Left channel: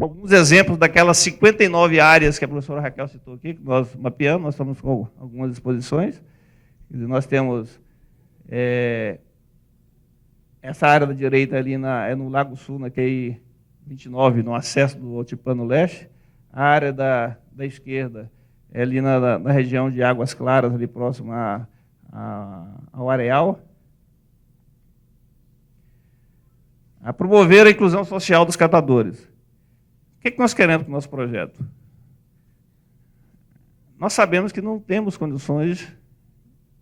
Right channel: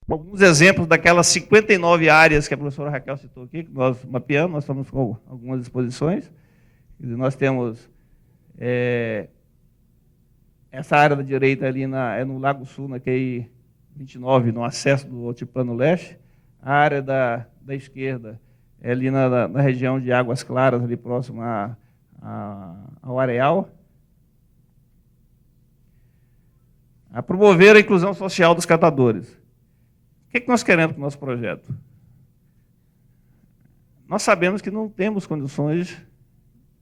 Alguns exemplos daquelas 59 áreas que a professora Raquel citou aqui, que nós mapeamos, nós estamos com algumas exposições. Nós temos essa área do direito ali no Lago do Sul, na QI 29, no acesso do Altiplano Leste. A área da esquerda é ali na região de Águas Claras, ali próximo ao Areal. A promover a inclusão social dos catadores. O que nós queremos com o nosso projeto? Nós sabemos que não temos condições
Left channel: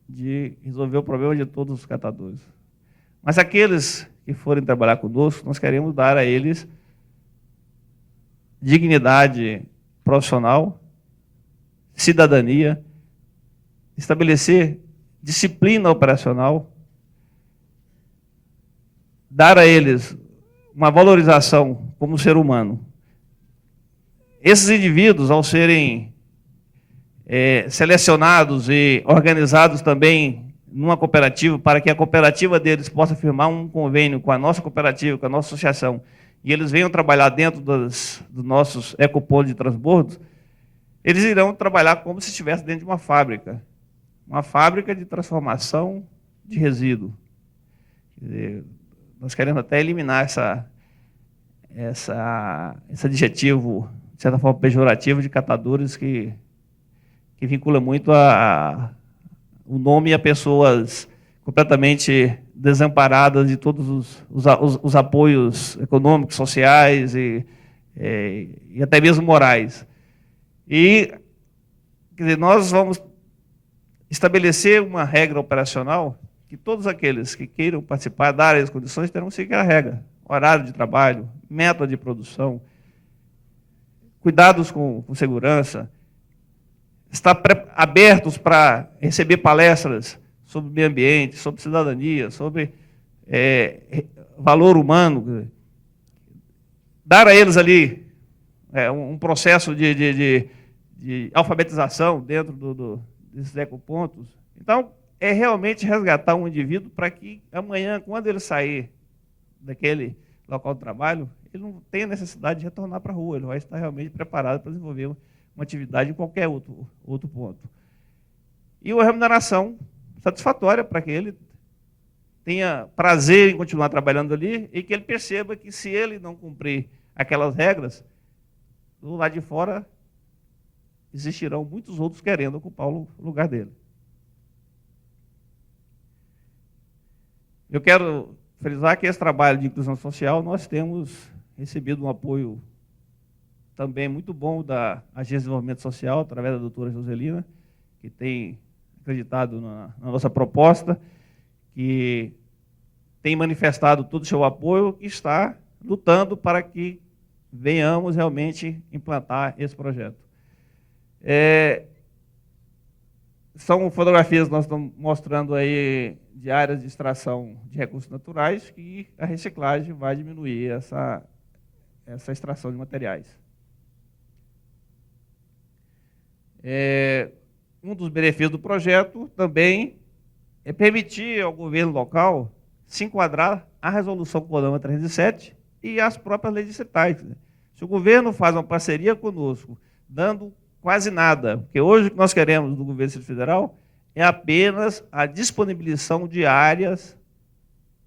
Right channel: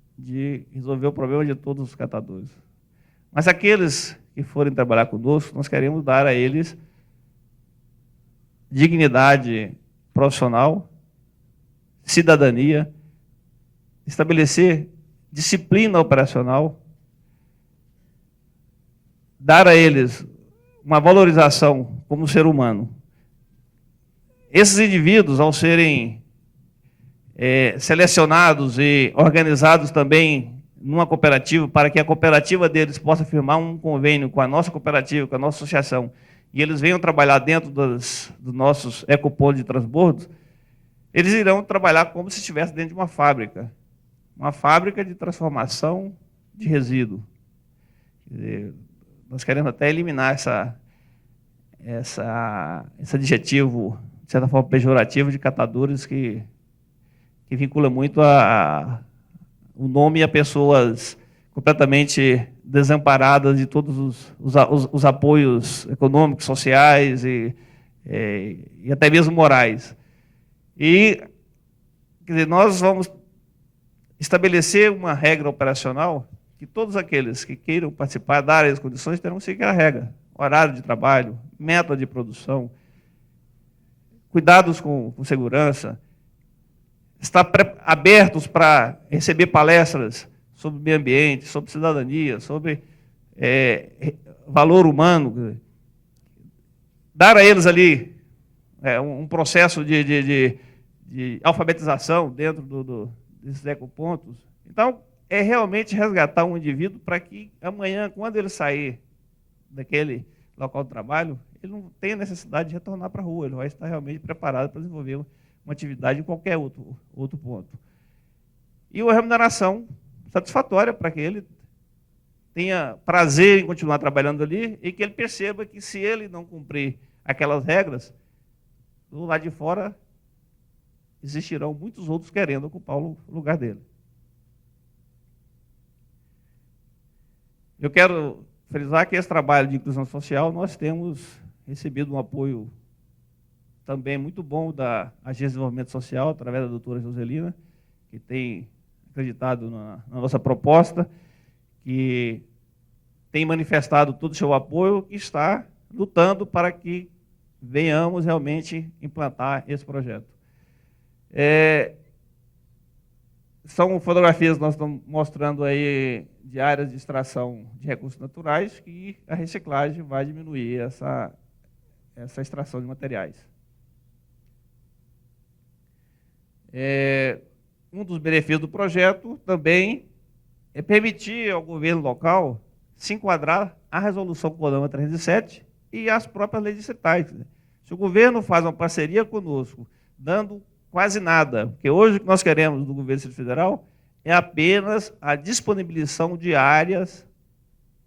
de resolver o problema de todos os catadores. Mas aqueles que forem trabalhar conosco, nós queremos dar a eles dignidade profissional, cidadania, estabelecer disciplina operacional, dar a eles uma valorização como ser humano. Esses indivíduos, ao serem selecionados e organizados também numa cooperativa, para que a cooperativa deles possa firmar um convênio com a nossa cooperativa, com a nossa associação, e eles venham trabalhar dentro dos nossos ecopontos de transbordo, eles irão trabalhar como se estivessem dentro de uma fábrica de transformação de resíduo. Nós queremos até eliminar esse adjetivo, de certa forma pejorativo, de catadores que vincula muito o nome a pessoas completamente desamparadas de todos os apoios econômicos, sociais e até mesmo morais. E quer dizer, nós vamos estabelecer uma regra operacional que todos aqueles que queiram participar da área de discussões terão que seguir a regra, horário de trabalho, método de produção, cuidados com segurança, estar abertos para receber palestras sobre o meio ambiente, sobre cidadania, sobre valor humano, dar a eles ali um processo de alfabetização dentro desses ecopontos. Então, é realmente resgatar um indivíduo para que amanhã, quando ele sair daquele local de trabalho, ele não tenha necessidade de retornar para a rua, ele vai estar realmente preparado para desenvolver uma atividade em qualquer outro ponto. E uma remuneração satisfatória para que ele tenha prazer em continuar trabalhando ali e que ele perceba que se ele não cumprir aquelas regras, do lado de fora existirão muitos outros querendo ocupar o lugar dele. Eu quero frisar que esse trabalho de inclusão social nós temos recebido um apoio também muito bom da Agência de Desenvolvimento Social, através da doutora Joselina, que tem acreditado na nossa proposta, que tem manifestado todo o seu apoio e está lutando para que venhamos realmente implantar esse projeto. São fotografias que nós estamos mostrando aí de áreas de extração de recursos naturais e a reciclagem vai diminuir essa extração de materiais. Um dos benefícios do projeto também é permitir ao governo local se enquadrar à resolução Codama 37 e às próprias leis estatais. Se o governo faz uma parceria conosco, dando quase nada, porque hoje nós queremos do governo federal é apenas a disponibilização de áreas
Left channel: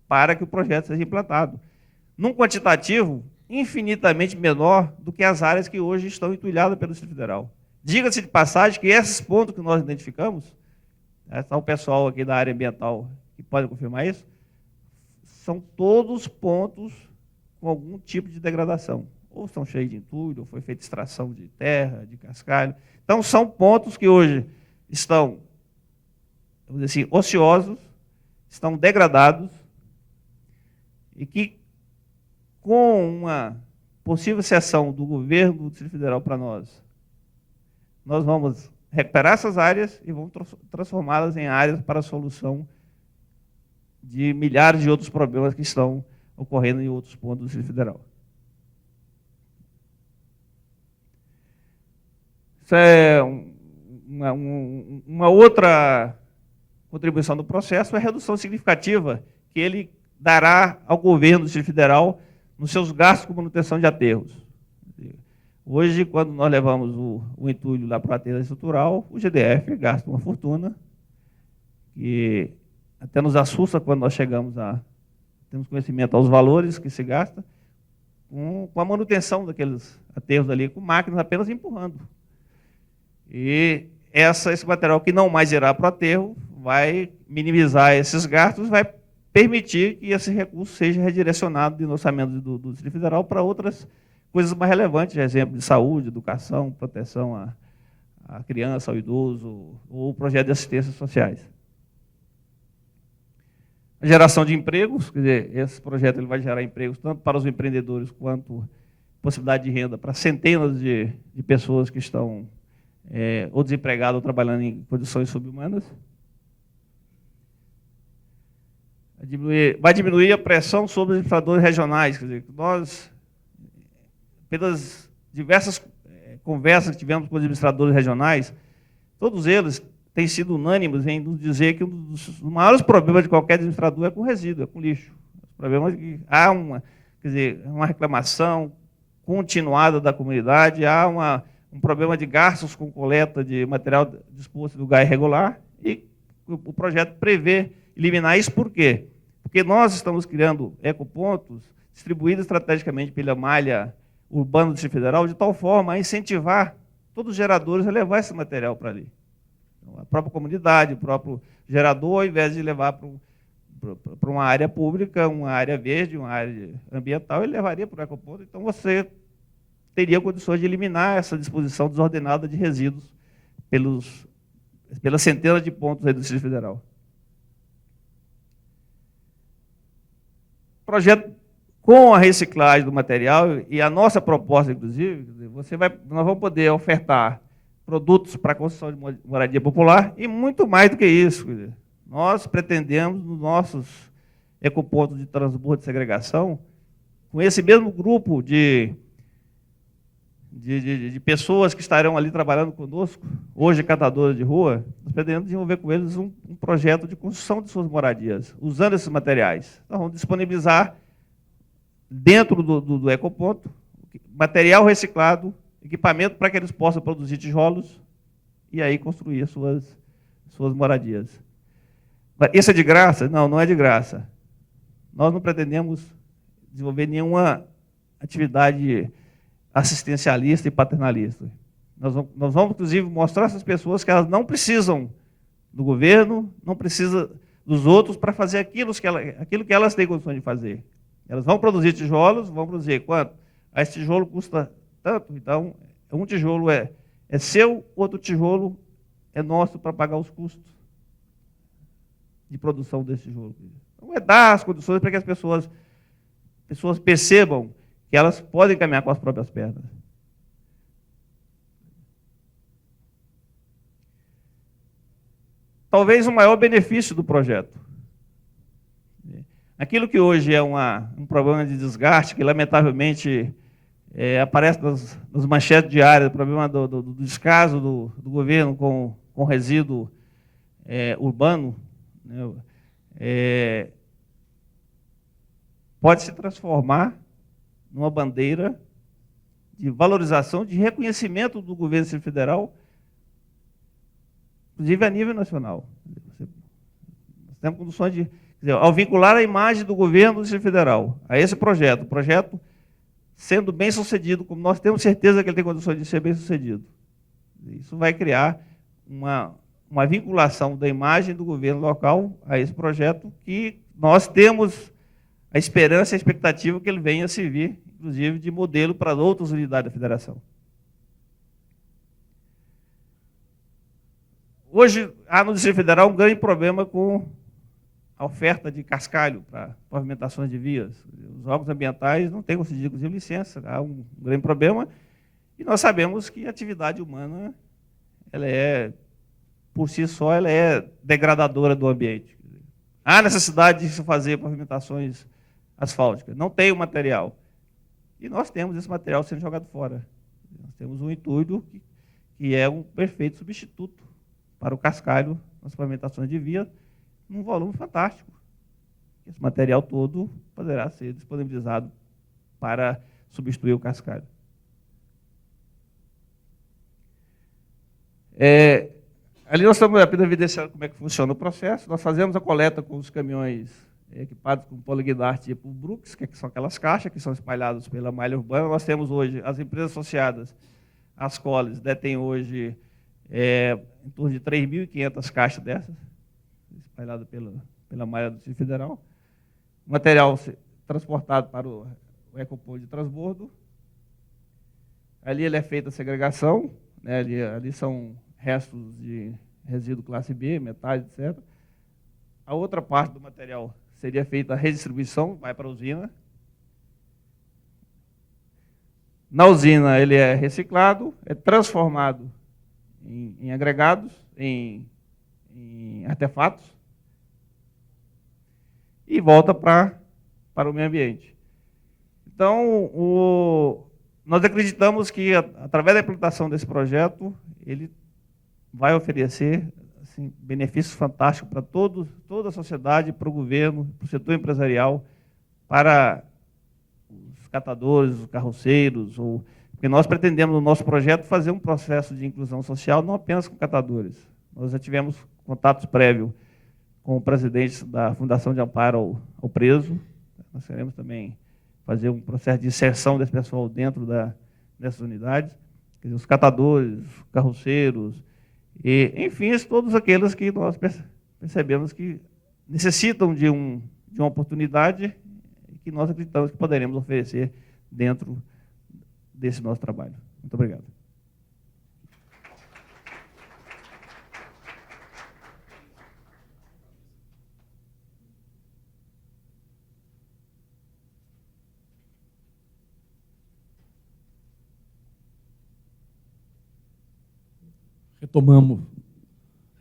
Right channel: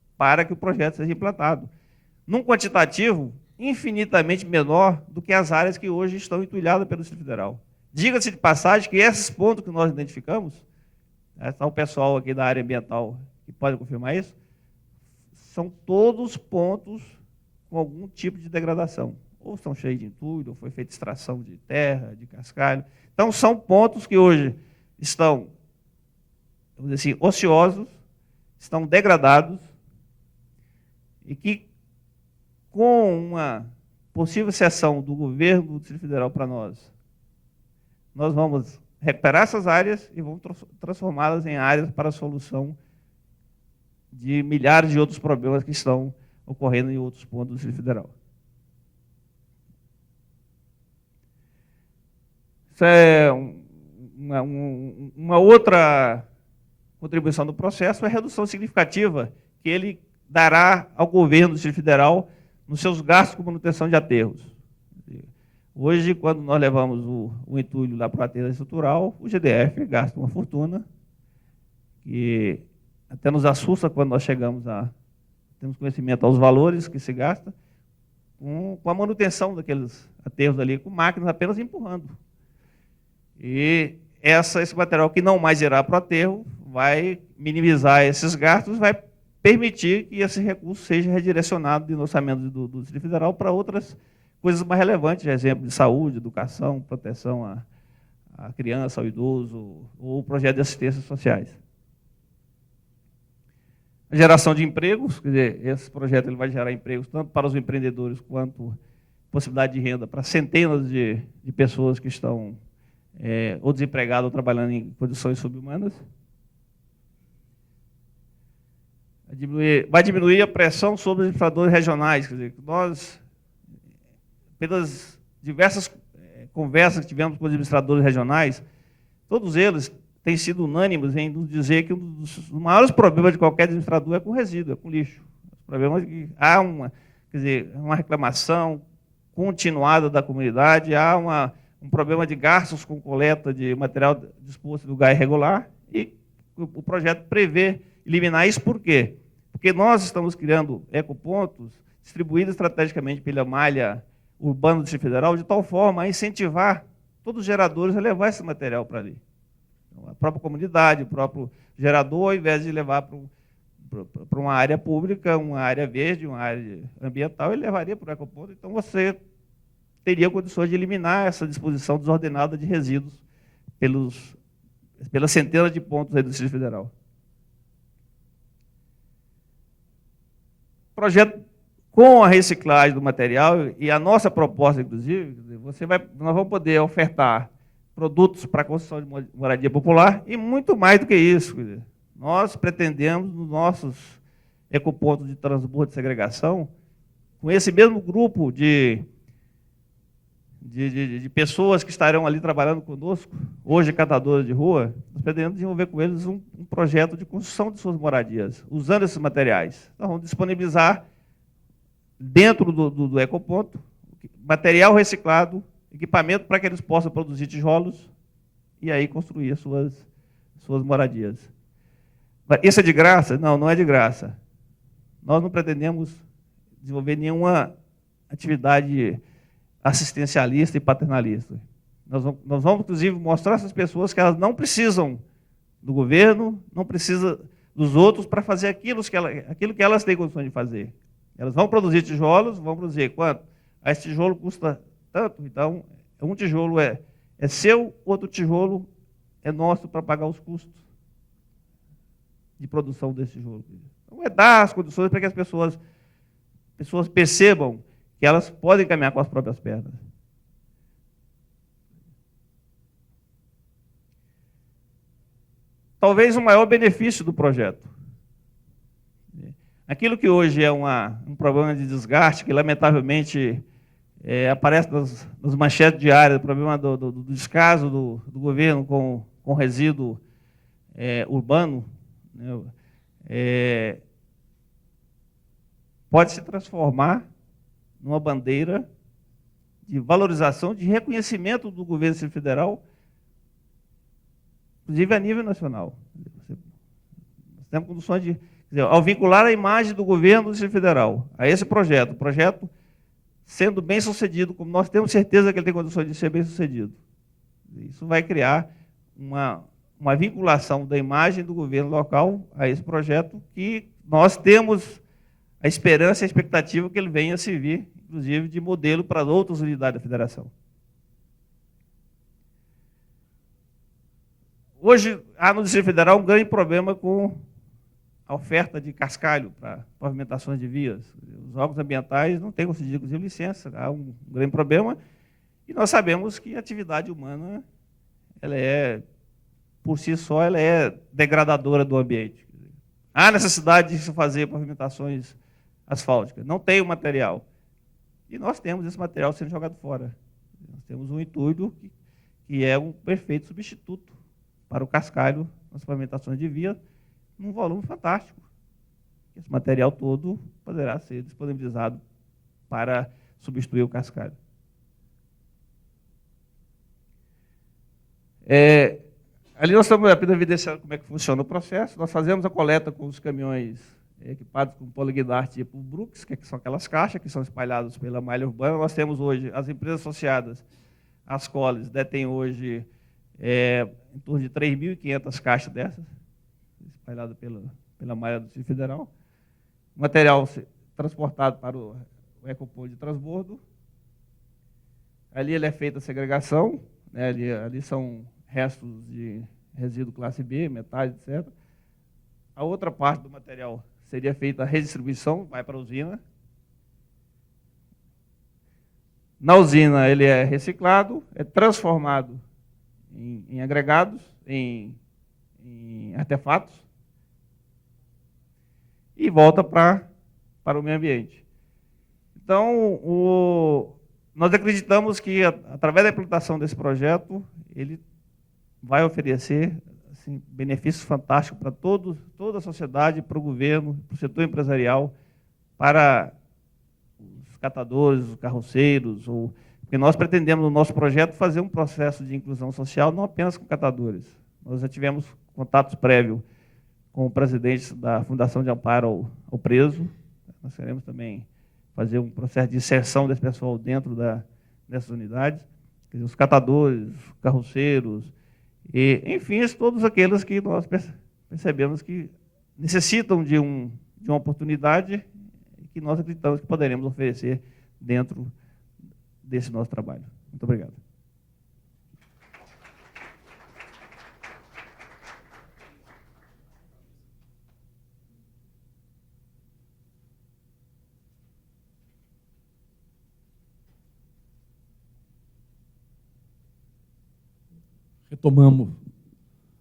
para que o projeto seja implantado, num quantitativo infinitamente menor do que as áreas que hoje estão empilhadas pelo federal. Diga-se de passagem que esses pontos que nós identificamos, está o pessoal aqui da área ambiental que pode confirmar isso, são todos pontos com algum tipo de degradação. Ou estão cheios de entulho, foi feita extração de terra, de cascalho. Então, são pontos que hoje estão, vamos dizer assim, ociosos, estão degradados, e que, com uma possível cessão do governo federal para nós vamos recuperar essas áreas e vamos transformá-las em áreas para a solução de milhares de outros problemas que estão ocorrendo em outros pontos do Distrito Federal. Isso é uma outra contribuição do processo, é a redução significativa que ele dará ao governo do Distrito Federal nos seus gastos com manutenção de aterros. Hoje, quando nós levamos o entulho lá para a cadeia estrutural, o GDF gasta uma fortuna, e até nos assusta quando nós chegamos a temos conhecimento aos valores que se gasta, com a manutenção daqueles aterros ali, com máquinas apenas empurrando. E esse material que não mais irá para o aterro vai minimizar esses gastos, vai permitir que esse recurso seja redirecionado no orçamento do Distrito Federal para outras coisas mais relevantes, exemplo, de saúde, educação, proteção à criança, ao idoso, ou projetos de assistência sociais. A geração de empregos, quer dizer, esse projeto vai gerar empregos tanto para os empreendedores quanto possibilidade de renda para centenas de pessoas que estão ou desempregadas ou trabalhando em condições subhumanas. Vai diminuir a pressão sobre os infratores regionais. Nós, pelas diversas conversas que tivemos com os administradores regionais, todos eles têm sido unânimes em dizer que um dos maiores problemas de qualquer administrador é com resíduo, é com lixo. O problema é que há uma reclamação continuada da comunidade, há um problema de gastos com coleta de material disposto do gás irregular, e o projeto prevê eliminar isso. Por quê? Porque nós estamos criando ecopontos distribuídos estrategicamente pela malha urbana do Distrito Federal, de tal forma a incentivar todos os geradores a levar esse material para ali. A própria comunidade, o próprio gerador, ao invés de levar para uma área pública, uma área verde, uma área ambiental, ele levaria para a ecoponto. Então você teria condições de eliminar essa disposição desordenada de resíduos pelas centenas de pontos do Distrito Federal. Projeto com a reciclagem do material e a nossa proposta, inclusive, nós vamos poder ofertar produtos para a construção de moradia popular e muito mais do que isso. Nós pretendemos nossos ecopontos de transbordo de segregação com esse mesmo grupo de pessoas que estarão ali trabalhando conosco, hoje catadores de rua, nós pretendemos desenvolver com eles um projeto de construção de suas moradias, usando esses materiais. Então, vamos disponibilizar dentro do ecoponto material reciclado, equipamento para que eles possam produzir tijolos e aí construir suas moradias. Isso é de graça? Não é de graça. Nós não pretendemos desenvolver nenhuma atividade assistencialista e paternalista. Nós vamos, inclusive, mostrar às pessoas que elas não precisam do governo, não precisam dos outros para fazer aquilo que elas têm condições de fazer. Elas vão produzir tijolos, vão dizer quanto esse tijolo custa tanto, então um tijolo é seu, outro tijolo é nosso para pagar os custos de produção desse tijolo. Então, dar as condições para que as pessoas percebam que elas podem caminhar com as próprias pernas. Talvez o maior benefício do projeto. Aquilo que hoje é um problema de desgaste, que lamentavelmente aparece nas manchetes diárias, o problema do descaso do governo com resíduo urbano, pode se transformar numa bandeira de valorização, de reconhecimento do governo federal, inclusive a nível nacional. Temos condições de, ao vincular a imagem do governo do Distrito Federal a esse projeto sendo bem sucedido, como nós temos certeza que ele tem condições de ser bem sucedido. Isso vai criar uma vinculação da imagem do governo local a esse projeto, que nós temos a esperança e a expectativa que ele venha a servir, inclusive, de modelo para outras unidades da federação. Hoje, a Distrito Federal ganha problema com a oferta de cascalho para pavimentação de vias. Os órgãos ambientais não têm conseguido licença, há um grande problema, e nós sabemos que a atividade humana, ela por si só, é degradadora do ambiente. Há necessidade de se fazer pavimentações asfálticas, não tem o material. E nós temos esse material sendo jogado fora. Nós temos um entulho que é um perfeito substituto para o cascalho, nas pavimentações de via, num volume fantástico. Esse material todo poderá ser disponibilizado para substituir o cascalho. Ali nós estamos evidenciando como é que funciona o processo. Nós fazemos a coleta com os caminhões equipados com polignato tipo Brooks, que são aquelas caixas que são espalhadas pela malha urbana. Nós temos hoje, as empresas associadas às colas detêm hoje em torno de 3.500 caixas dessas, espalhadas pela malha do Distrito Federal. O material transportado para o ecoponto de transbordo. Ali ele é feito a segregação, né, ali são restos de resíduo classe B, metais, etc. A outra parte do material seria feita a redistribuição, vai para a usina. Na usina ele é reciclado, é transformado em agregados, em artefatos, e volta para o meio ambiente. Então, nós acreditamos que, através da implantação desse projeto, ele vai oferecer benefícios fantásticos para toda a sociedade, para o governo, para o setor empresarial, para os catadores, os carroceiros. Porque nós pretendemos, no nosso projeto, fazer um processo de inclusão social, não apenas os catadores. Nós já tivemos contato prévio com presidentes da Fundação de Amparo ao Preso. Nós queremos também fazer um processo de inserção desse pessoal dentro dessas unidades, os catadores, os carroceiros, e, enfim, todos aqueles que nós percebemos que necessitam de uma oportunidade que nós acreditamos que poderemos oferecer dentro desse nosso trabalho. Muito obrigado.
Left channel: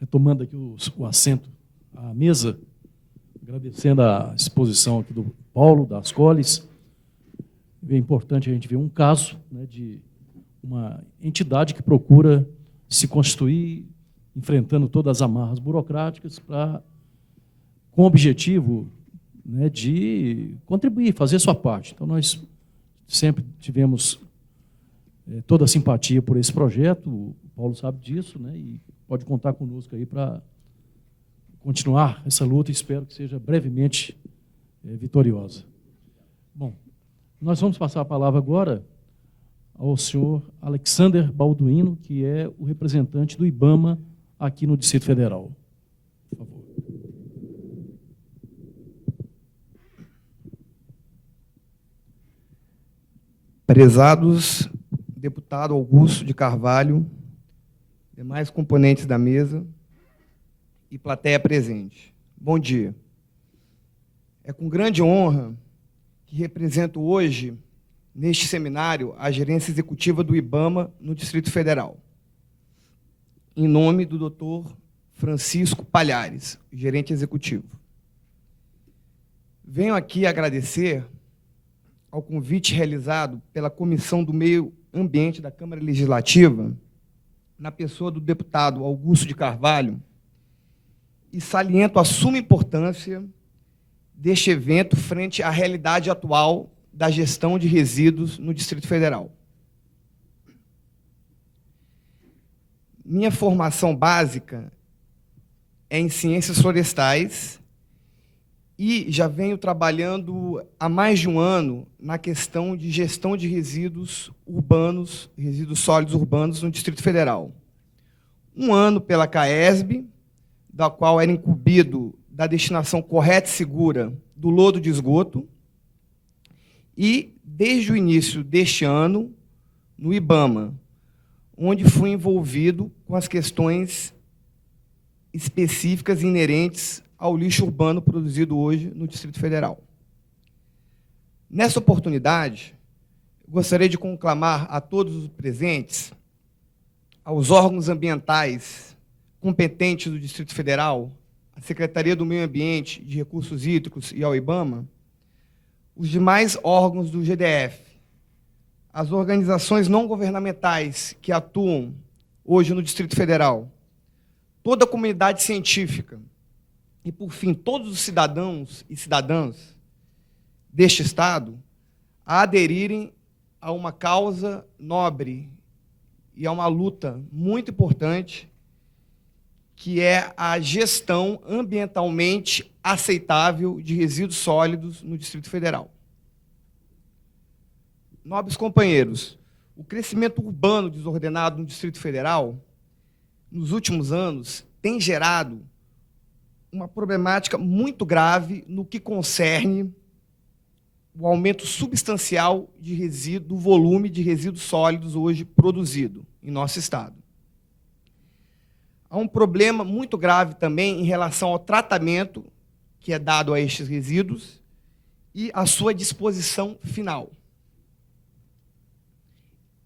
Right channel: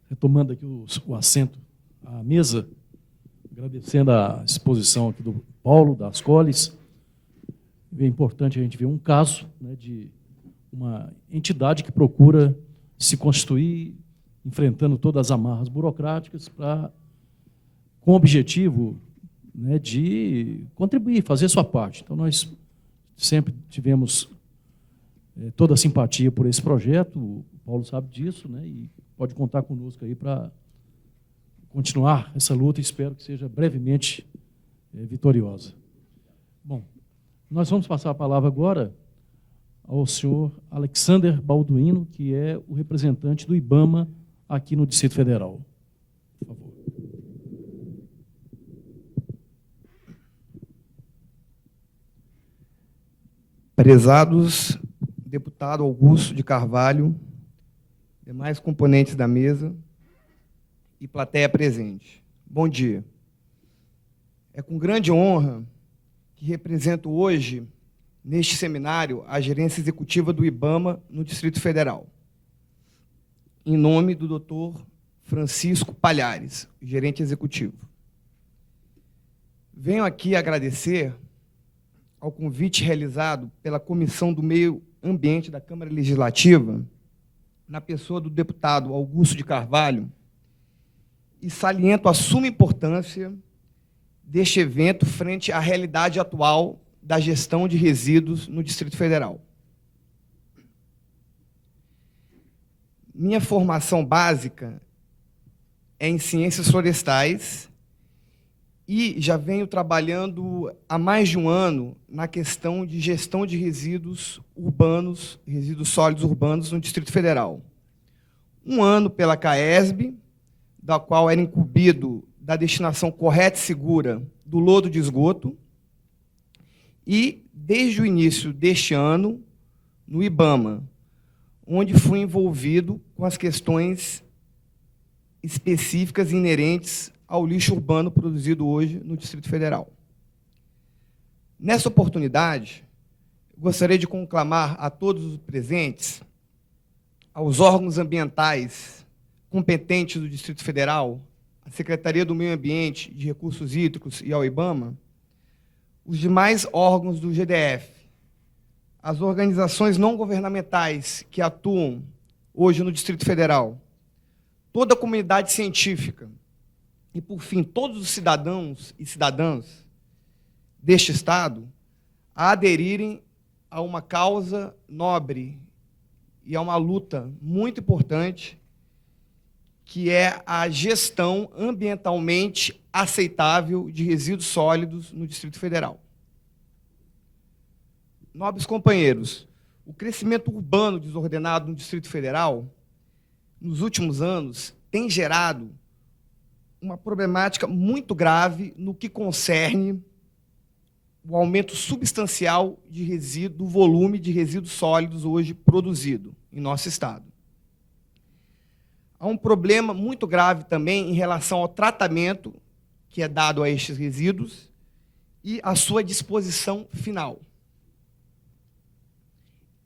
Retomando aqui o assento, a mesa, agradecendo a exposição do Paulo, das Coles. É importante a gente ver um caso, né, de uma entidade que procura se construir, enfrentando todas as amarras burocráticas, com o objetivo, né, de contribuir, fazer sua parte. Então, nós sempre tivemos toda a simpatia por esse projeto, o Paulo sabe disso, né, e pode contar conosco aí para continuar essa luta, que espero que seja brevemente vitoriosa. Bom, nós vamos passar a palavra agora ao senhor Alexander Balduino, que é o representante do IBAMA aqui no Distrito Federal. Por favor. Prezados deputado Augusto de Carvalho, demais componentes da mesa e plateia presente. Bom dia. É com grande honra que represento hoje, neste seminário, a gerência executiva do IBAMA no Distrito Federal. Em nome do Dr. Francisco Palhares, gerente executivo. Venho aqui agradecer ao convite realizado pela Comissão do Meio Ambiente da Câmara Legislativa, na pessoa do deputado Augusto de Carvalho, e saliento a suma importância deste evento frente à realidade atual da gestão de resíduos no Distrito Federal. Minha formação básica é em ciências florestais e já venho trabalhando há mais de um ano na questão de gestão de resíduos urbanos, resíduos sólidos urbanos no Distrito Federal. Um ano pela CAESB, da qual era incumbido da destinação correta e segura do lodo de esgoto, e desde o início deste ano, no IBAMA, onde fui envolvido com as questões específicas inerentes ao lixo urbano produzido hoje no Distrito Federal. Nessa oportunidade, gostaria de conclamar a todos os presentes, aos órgãos ambientais competentes do Distrito Federal, a Secretaria do Meio Ambiente, de Recursos Hídricos e ao IBAMA, os demais órgãos do GDF, as organizações não governamentais que atuam hoje no Distrito Federal, toda a comunidade científica e, por fim, todos os cidadãos e cidadãs deste Estado a aderirem a uma causa nobre e é uma luta muito importante, que é a gestão ambientalmente aceitável de resíduos sólidos no Distrito Federal. Nobres companheiros, o crescimento urbano desordenado do Distrito Federal, nos últimos anos, tem gerado uma problemática muito grave no que concerne o aumento substancial de resíduo, volume de resíduos sólidos hoje produzido em nosso estado. Há um problema muito grave também em relação ao tratamento que é dado a estes resíduos e a sua disposição final.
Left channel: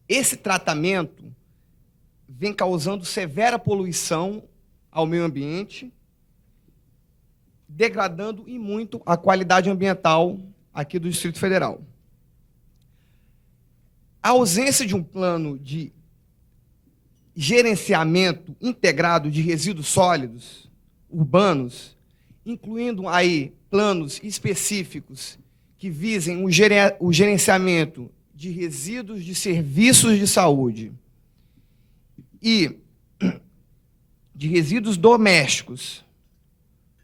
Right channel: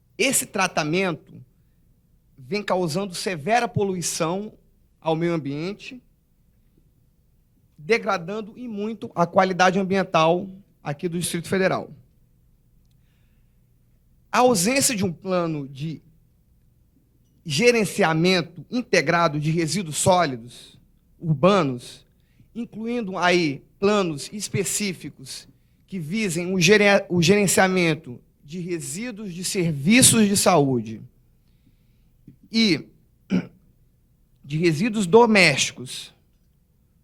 Esse tratamento vem causando severa poluição ao meio ambiente, degradando e muito a qualidade ambiental aqui do Distrito Federal. A ausência de um plano de gerenciamento integrado de resíduos sólidos urbanos, incluindo aí planos específicos que visem o gerenciamento de resíduos de serviços de saúde e de resíduos domésticos,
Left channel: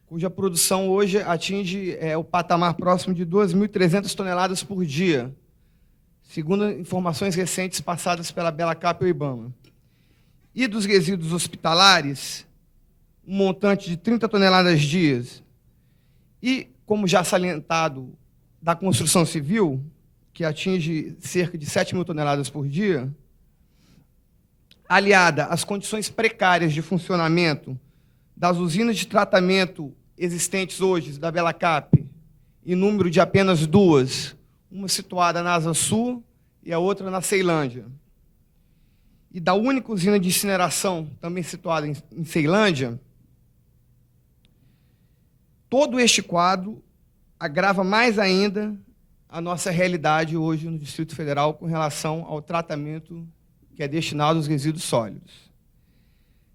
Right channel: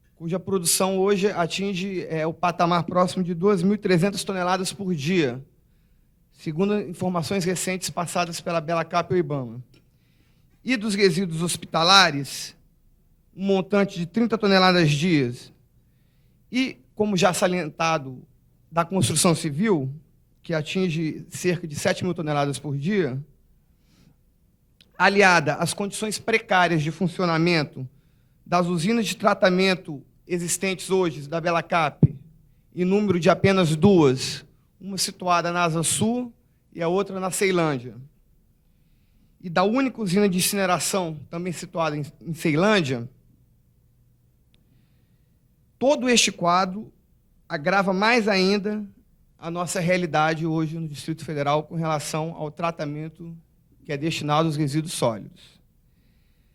cuja produção hoje atinge o patamar próximo de 2.300 toneladas por dia, segundo informações recentes passadas pela CAP e o IBAMA. E dos resíduos hospitalares, um montante de 30 toneladas dia. E, como já salientado, da construção civil, que atinge cerca de 7 mil toneladas por dia, aliada às condições precárias de funcionamento das usinas de tratamento existentes hoje da Belacap, em número de apenas duas, uma situada na Asa Sul e a outra na Ceilândia, e da única usina de incineração, também situada em Ceilândia, todo este quadro agrava mais ainda a nossa realidade hoje no Distrito Federal com relação ao tratamento que é destinado aos resíduos sólidos.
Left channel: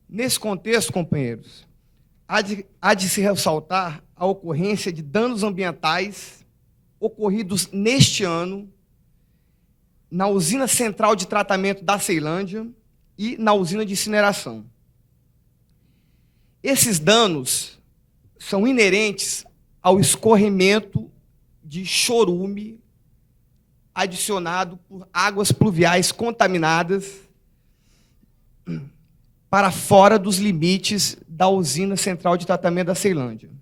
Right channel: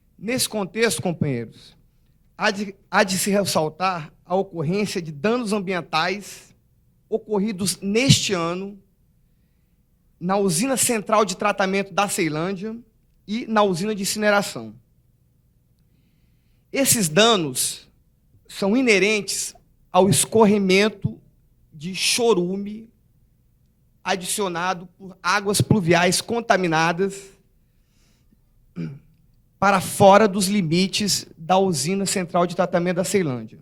Nesse contexto, companheiros, há de se ressaltar a ocorrência de danos ambientais ocorridos neste ano na usina central de tratamento da Ceilândia e na usina de incineração. Esses danos são inerentes ao escorrimento de chorume adicionado por águas pluviais contaminadas para fora dos limites da usina central de tratamento da Ceilândia.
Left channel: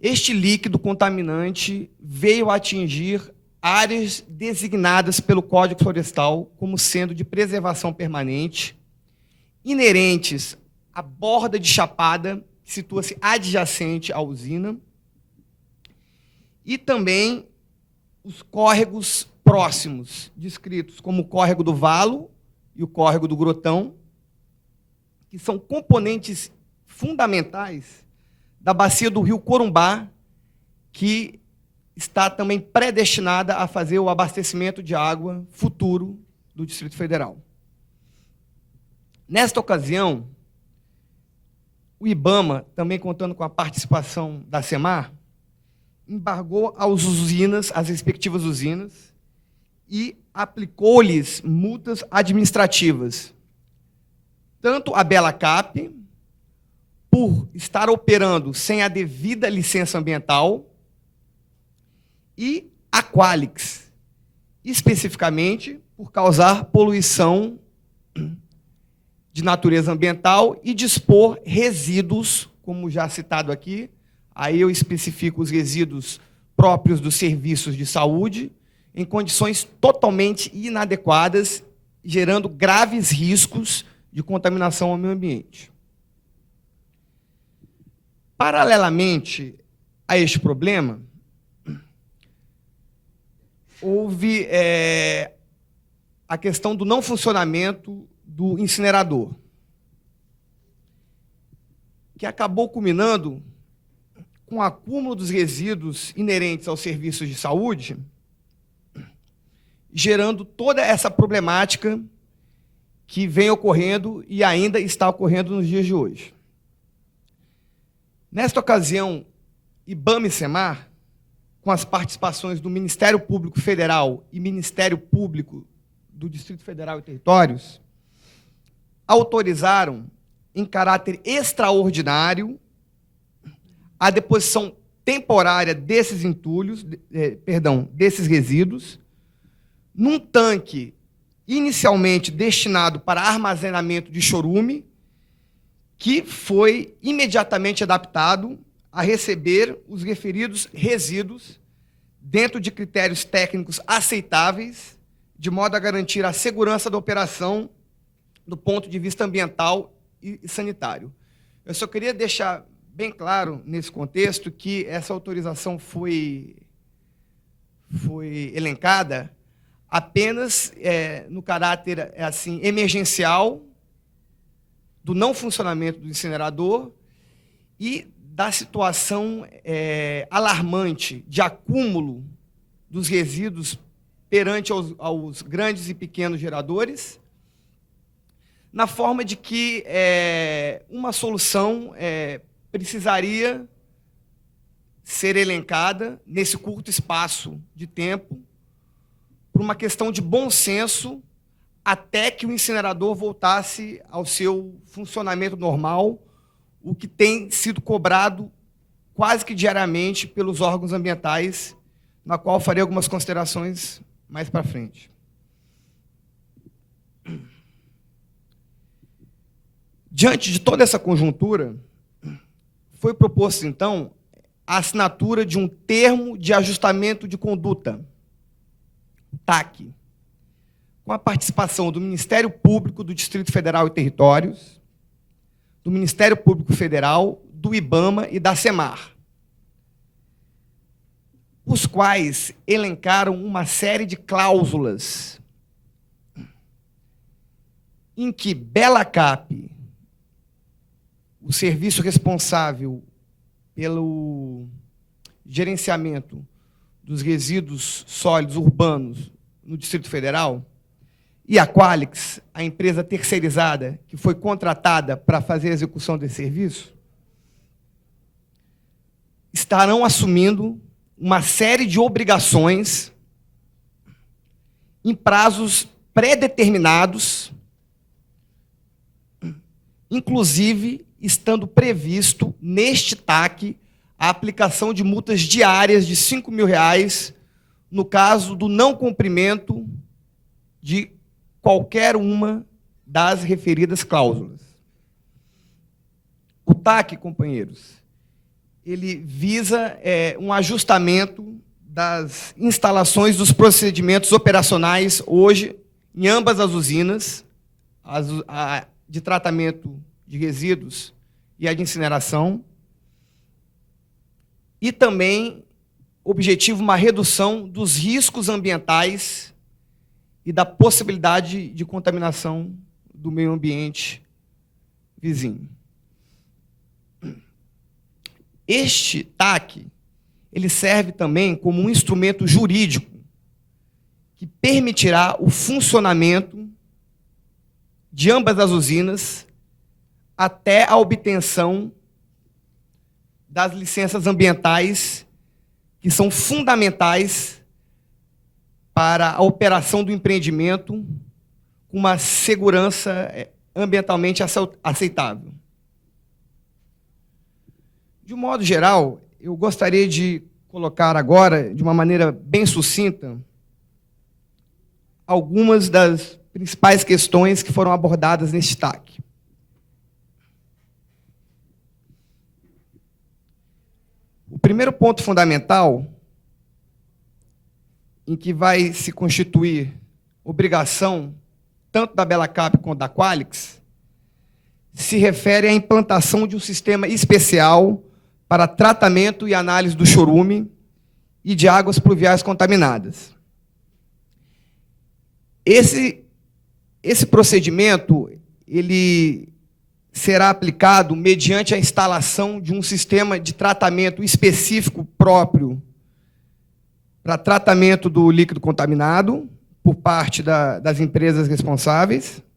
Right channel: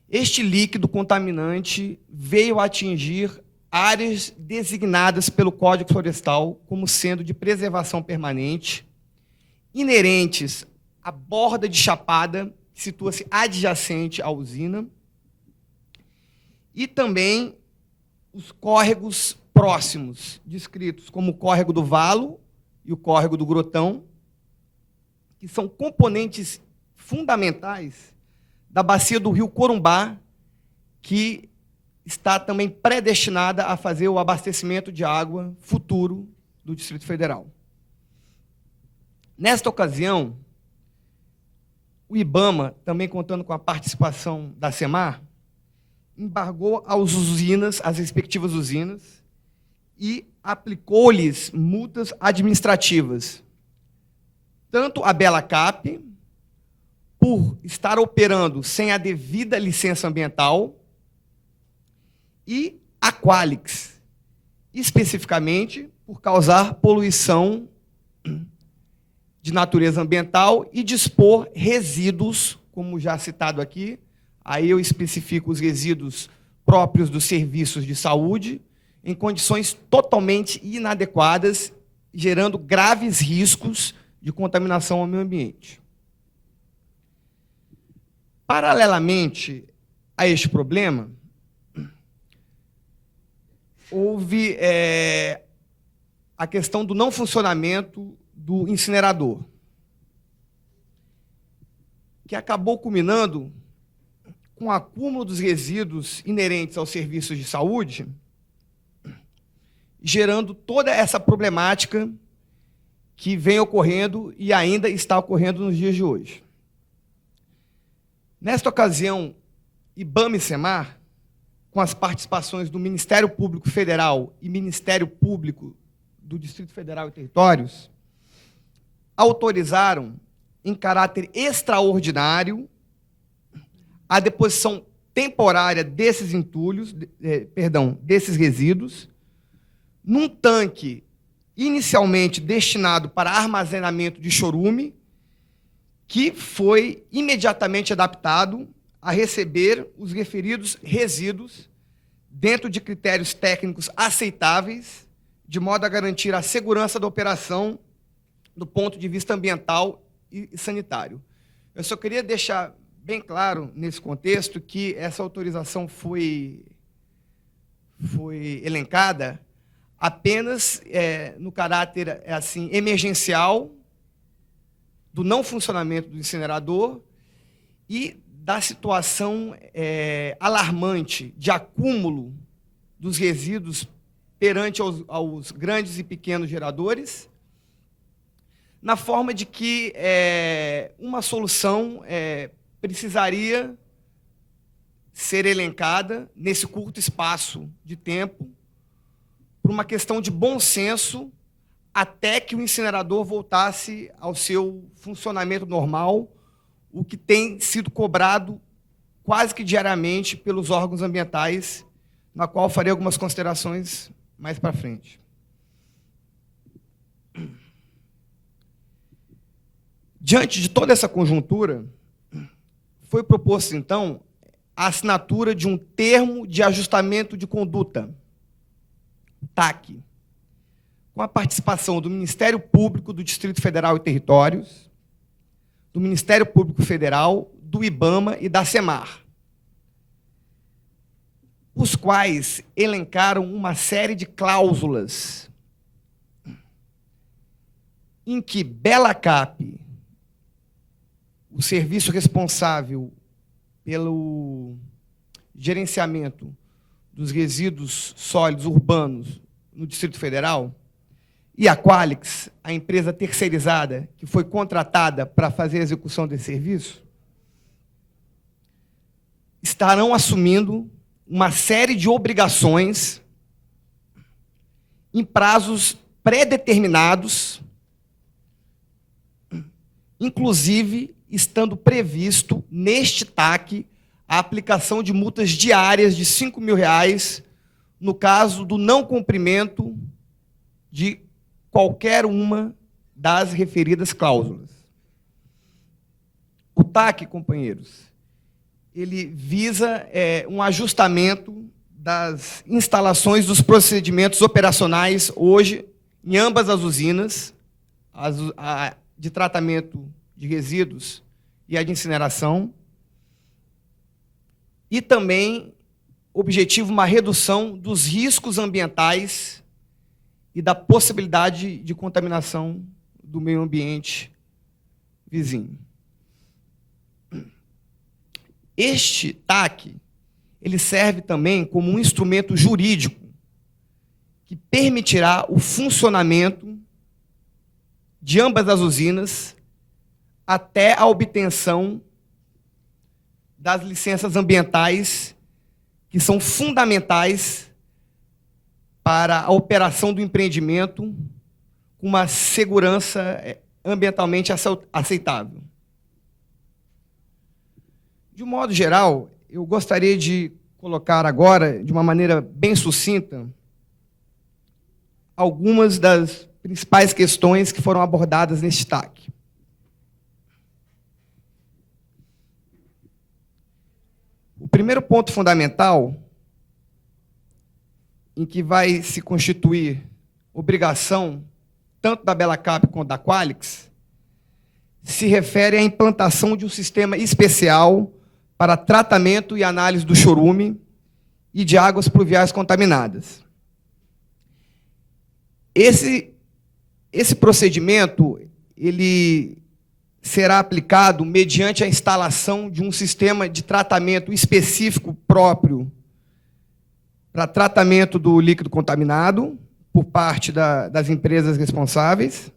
Este líquido contaminante veio atingir áreas designadas pelo Código Florestal como centro de preservação permanente, inerentes à borda de chapada que situa-se adjacente à usina, e também os córregos próximos, descritos como o córrego do Valo e o córrego do Grotão, que são componentes fundamentais da bacia do rio Corumbá, que está também predestinada a fazer o abastecimento de água futuro do Distrito Federal. Nesta ocasião, o IBAMA, também contando com a participação da SEMAR, embargou às usinas, às respectivas usinas, e aplicou-lhes multas administrativas, tanto a Belacap, por estar operando sem a devida licença ambiental, e a Qualix, especificamente por causar poluição de natureza ambiental e dispor resíduos, como já citado aqui, aí eu especifico os resíduos próprios dos serviços de saúde, em condições totalmente inadequadas, gerando graves riscos de contaminação ao meio ambiente. Paralelamente a este problema, houve a questão do não funcionamento do incinerador, que acabou culminando com o acúmulo dos resíduos inerentes aos serviços de saúde, gerando toda essa problemática que vem ocorrendo e ainda está ocorrendo nos dias de hoje. Nesta ocasião, IBAMA e SEMAR, com as participações do Ministério Público Federal e Ministério Público do Distrito Federal e Territórios autorizaram, em caráter extraordinário, a deposição temporária desses entulhos, desses resíduos, num tanque inicialmente destinado para armazenamento de chorume, que foi imediatamente adaptado a receber os referidos resíduos dentro de critérios técnicos aceitáveis, de modo a garantir a segurança da operação do ponto de vista ambiental e sanitário. Eu só queria deixar bem claro, nesse contexto, que essa autorização foi elencada apenas no caráter assim, emergencial do não funcionamento do incinerador e da situação alarmante de acúmulo dos resíduos perante aos grandes e pequenos geradores, na forma de que uma solução precisaria ser elencada nesse curto espaço de tempo, por uma questão de bom senso, até que o incinerador voltasse ao seu funcionamento normal, o que tem sido cobrado quase que diariamente pelos órgãos ambientais, na qual farei algumas considerações mais para frente. Diante de toda essa conjuntura, foi proposto, então, a assinatura de um termo de ajustamento de conduta, TAC, com a participação do Ministério Público do Distrito Federal e Territórios, do Ministério Público Federal, do IBAMA e da SEMAR, os quais elencaram uma série de cláusulas em que Belacap, o serviço responsável pelo gerenciamento dos resíduos sólidos urbanos no Distrito Federal, e a Qualix, a empresa terceirizada que foi contratada para fazer a execução desse serviço, estarão assumindo uma série de obrigações em prazos pré-determinados, inclusive estando previsto neste TAC a aplicação de multas diárias de R$ 5.000 no caso do não cumprimento de qualquer uma das referidas cláusulas. O TAC, companheiros, ele visa um ajustamento das instalações dos procedimentos operacionais hoje em ambas as usinas, a de tratamento de resíduos e a de incineração, e também objetiva uma redução dos riscos ambientais e da possibilidade de contaminação do meio ambiente vizinho. Este TAC, ele serve também como um instrumento jurídico que permitirá o funcionamento de ambas as usinas até a obtenção das licenças ambientais que são fundamentais para a operação do empreendimento com uma segurança ambientalmente aceitável. De um modo geral, eu gostaria de colocar agora, de uma maneira bem sucinta, algumas das principais questões que foram abordadas nesse destaque. O primeiro ponto fundamental, em que vai se constituir obrigação tanto da Belacap quanto da Qualix, se refere à implantação de um sistema especial para tratamento e análise do chorume e de águas pluviais contaminadas. Esse procedimento ele será aplicado mediante a instalação de um sistema de tratamento específico próprio para tratamento do líquido contaminado por parte das empresas responsáveis,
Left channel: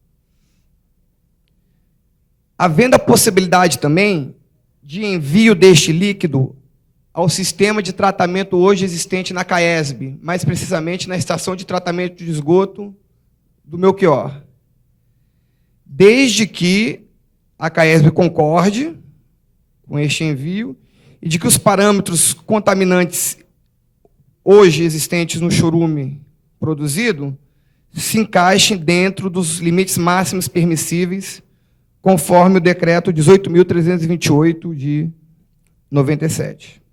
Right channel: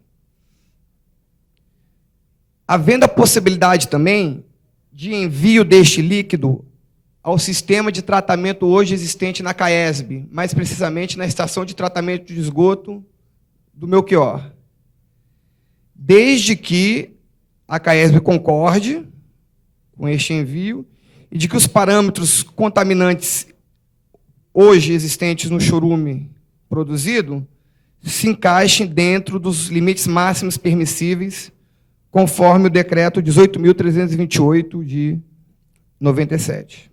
havendo a possibilidade também de envio deste líquido ao sistema de tratamento hoje existente na CAESB, mais precisamente na Estação de Tratamento de Esgoto do Melchior, desde que a CAERS concorde com este envio e de que os parâmetros contaminantes hoje existentes no chorume produzido se encaixem dentro dos limites máximos permissíveis, conforme o decreto 18.328 de 97.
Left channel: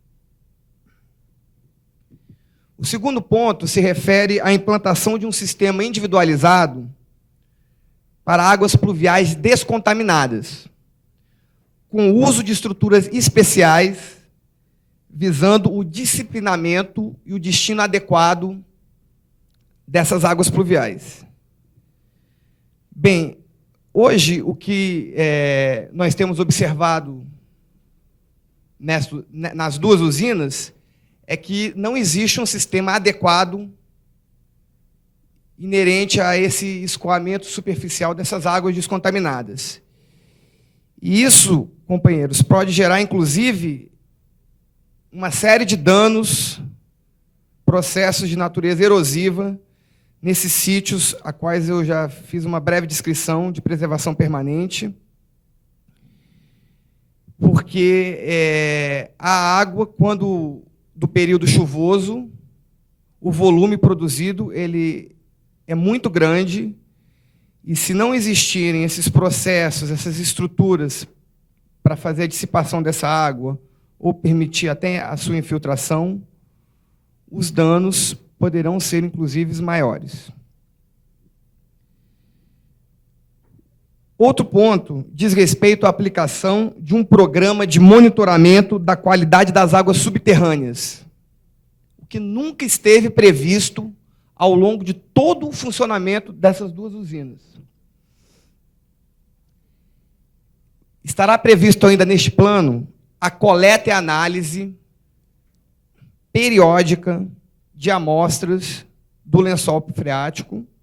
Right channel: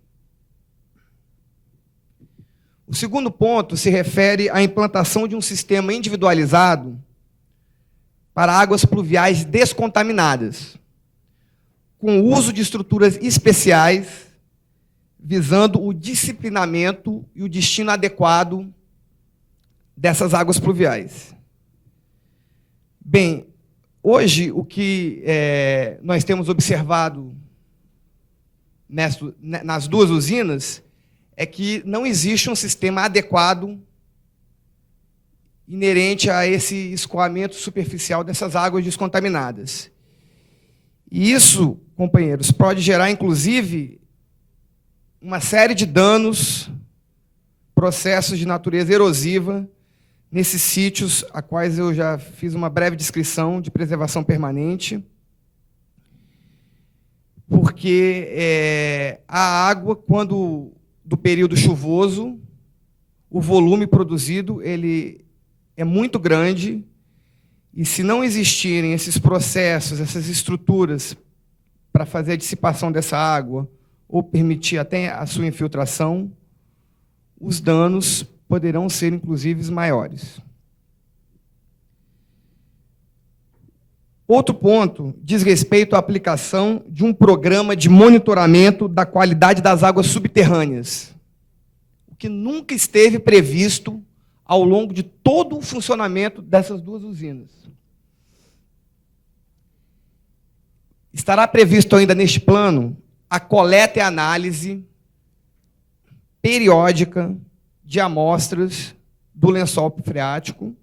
O segundo ponto se refere à implantação de um sistema individualizado para águas pluviais descontaminadas, com o uso de estruturas especiais, visando o disciplinamento e o destino adequado dessas águas pluviais. Bem, hoje o que nós temos observado nas duas usinas é que não existe um sistema adequado inerente a esse escoamento superficial dessas águas contaminadas. E isso, companheiros, pode gerar, inclusive, uma série de danos, processos de natureza erosiva, nesses sítios, a quais eu já fiz uma breve descrição de preservação permanente, porque a água, quando do período chuvoso, o volume produzido ele é muito grande, e se não existirem esses processos, essas estruturas para fazer a dissipação dessa água, ou permitir até a sua infiltração, os danos poderão ser, inclusive, maiores. Outro ponto diz respeito à aplicação de um programa de monitoramento da qualidade das águas subterrâneas, o que nunca esteve previsto ao longo de todo o funcionamento dessas duas usinas. Estará previsto ainda neste plano a coleta e análise periódica de amostras do lençol freático,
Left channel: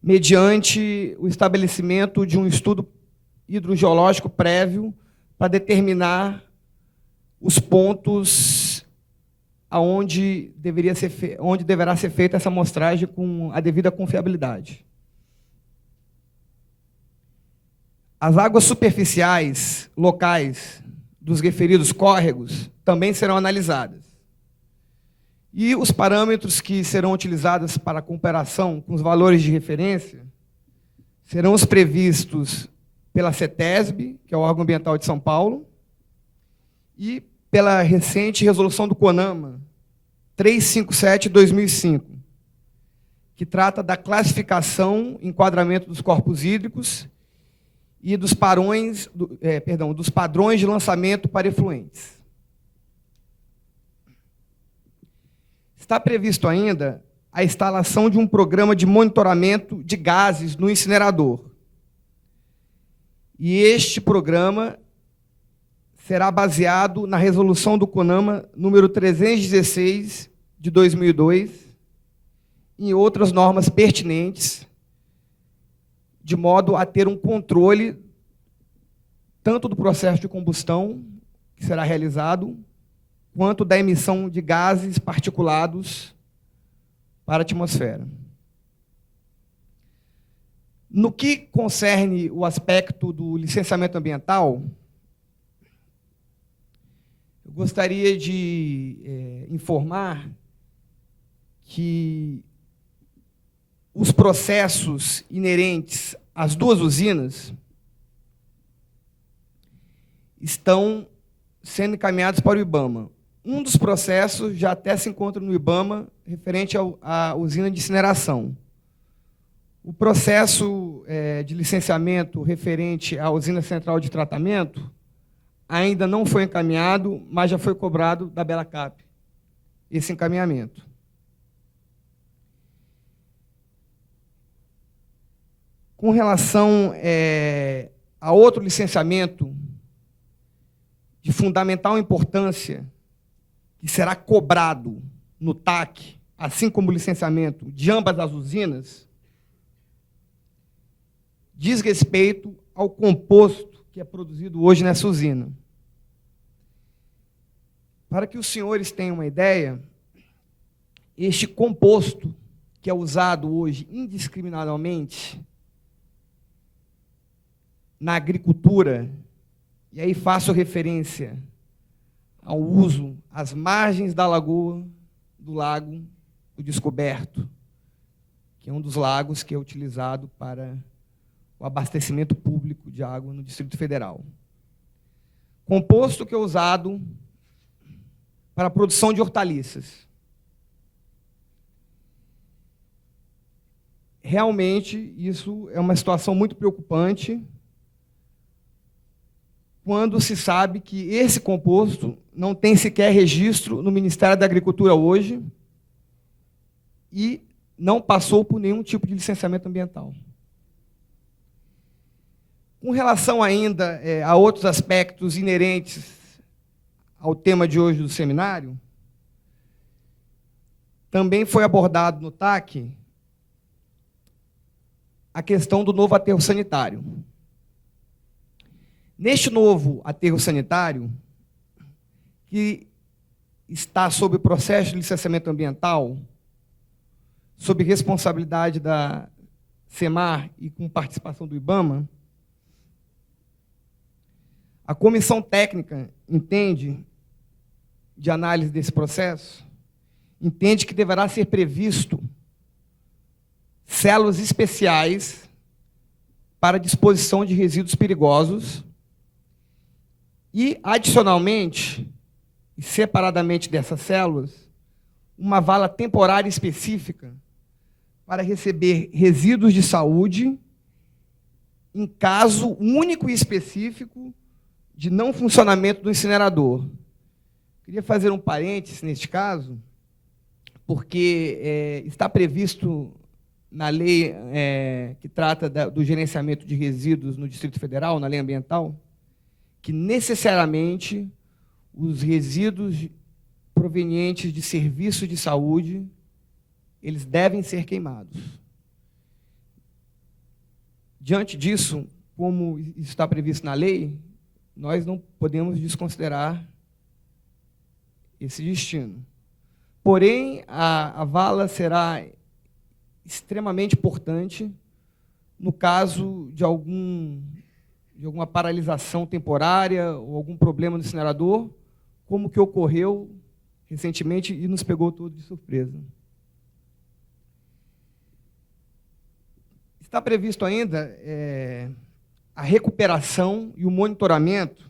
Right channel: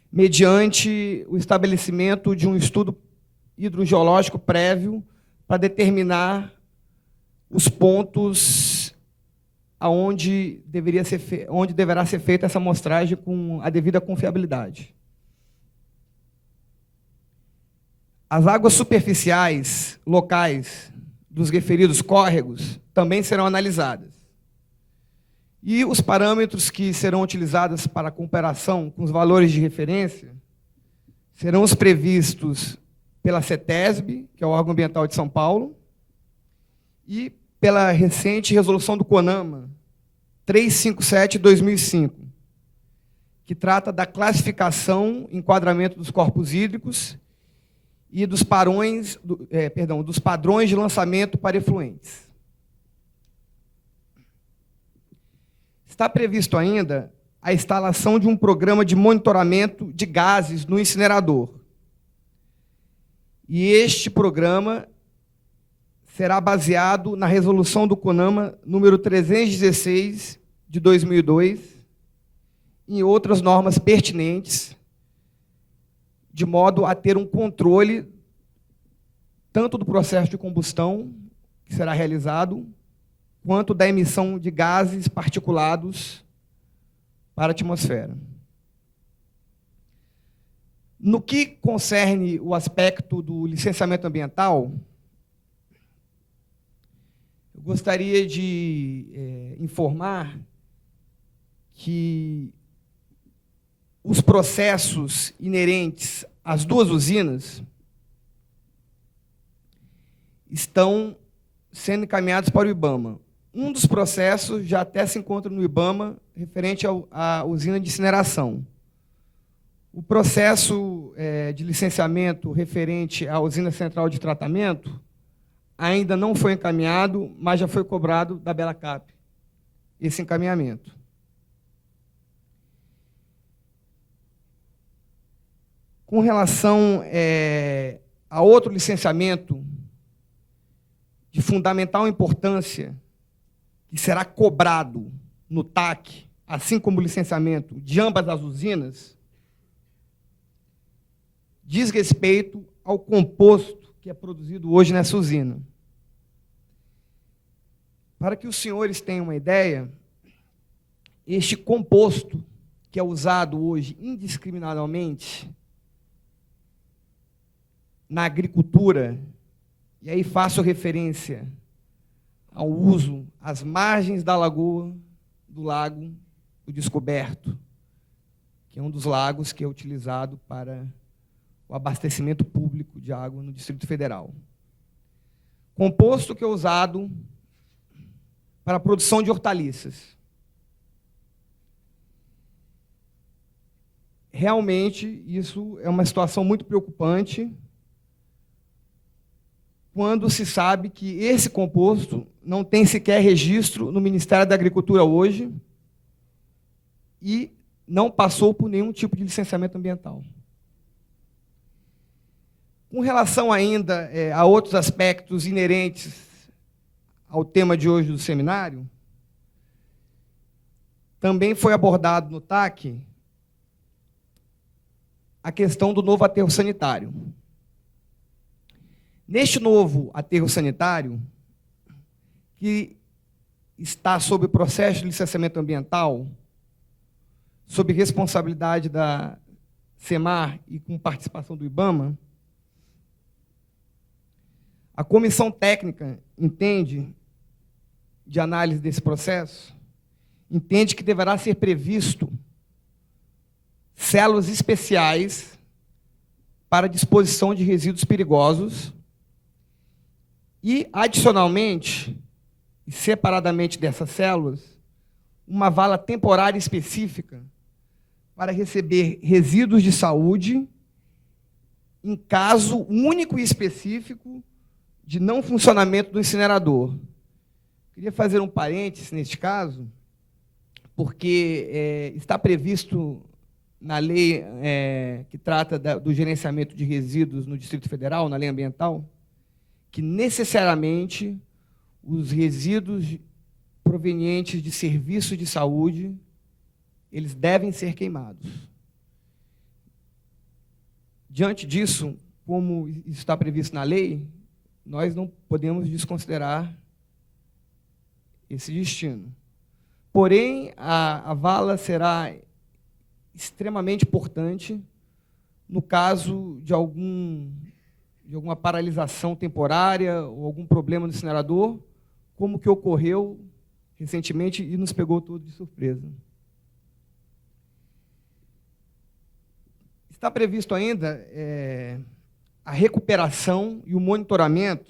mediante o estabelecimento de um estudo hidrogeológico prévio para determinar os pontos onde deverá ser feita essa amostragem com a devida confiabilidade. As águas superficiais locais dos referidos córregos também serão analisadas. E os parâmetros que serão utilizados para a comparação com os valores de referência serão os previstos pela CETESB, que é o órgão ambiental de São Paulo, e pela recente resolução do CONAMA 357 de 2005, que trata da classificação e enquadramento dos corpos hídricos e dos padrões de lançamento para efluentes. Está previsto ainda a instalação de um programa de monitoramento de gases no incinerador. E este programa será baseado na resolução do CONAMA número 316 de 2002 e outras normas pertinentes, de modo a ter um controle tanto do processo de combustão que será realizado, quanto da emissão de gases particulados para a atmosfera. No que concerne o aspecto do licenciamento ambiental, eu gostaria de informar que os processos inerentes às duas usinas estão sendo encaminhados para o IBAMA. Um dos processos já até se encontra no IBAMA, referente à usina de incineração. O processo de licenciamento referente à usina central de tratamento ainda não foi encaminhado, mas já foi cobrado da Belacap esse encaminhamento. Com relação a outro licenciamento de fundamental importância, que será cobrado no TAC, assim como o licenciamento de ambas as usinas, diz respeito ao composto que é produzido hoje nessa usina. Para que os senhores tenham uma ideia, este composto, que é usado hoje indiscriminadamente na agricultura, e aí faço referência ao uso às margens da lagoa, do lago do Descoberto, que é um dos lagos que é utilizado para o abastecimento público de água no Distrito Federal. Composto que é usado para a produção de hortaliças. Realmente, isso é uma situação muito preocupante quando se sabe que esse composto não tem sequer registro no Ministério da Agricultura hoje e não passou por nenhum tipo de licenciamento ambiental. Com relação ainda a outros aspectos inerentes ao tema de hoje do seminário, também foi abordado no TAC a questão do novo aterro sanitário. Neste novo aterro sanitário, que está sob o processo de licenciamento ambiental, sob responsabilidade da SEMAR e com participação do IBAMA, a comissão técnica entende, de análise desse processo, entende que deverá ser previsto células especiais para a disposição de resíduos perigosos e, adicionalmente, e separadamente dessas células, uma vala temporária específica para receber resíduos de saúde em caso único e específico de não funcionamento do incinerador. Queria fazer um parênteses neste caso, porque está previsto na lei que trata do gerenciamento de resíduos no Distrito Federal, na lei ambiental, que necessariamente os resíduos provenientes de serviços de saúde, eles devem ser queimados. Diante disso, como está previsto na lei, nós não podemos desconsiderar esse destino. Porém, a vala será extremamente importante no caso de alguma paralisação temporária, ou algum problema no incinerador, como o que ocorreu recentemente e nos pegou todos de surpresa. Está previsto ainda a recuperação e o monitoramento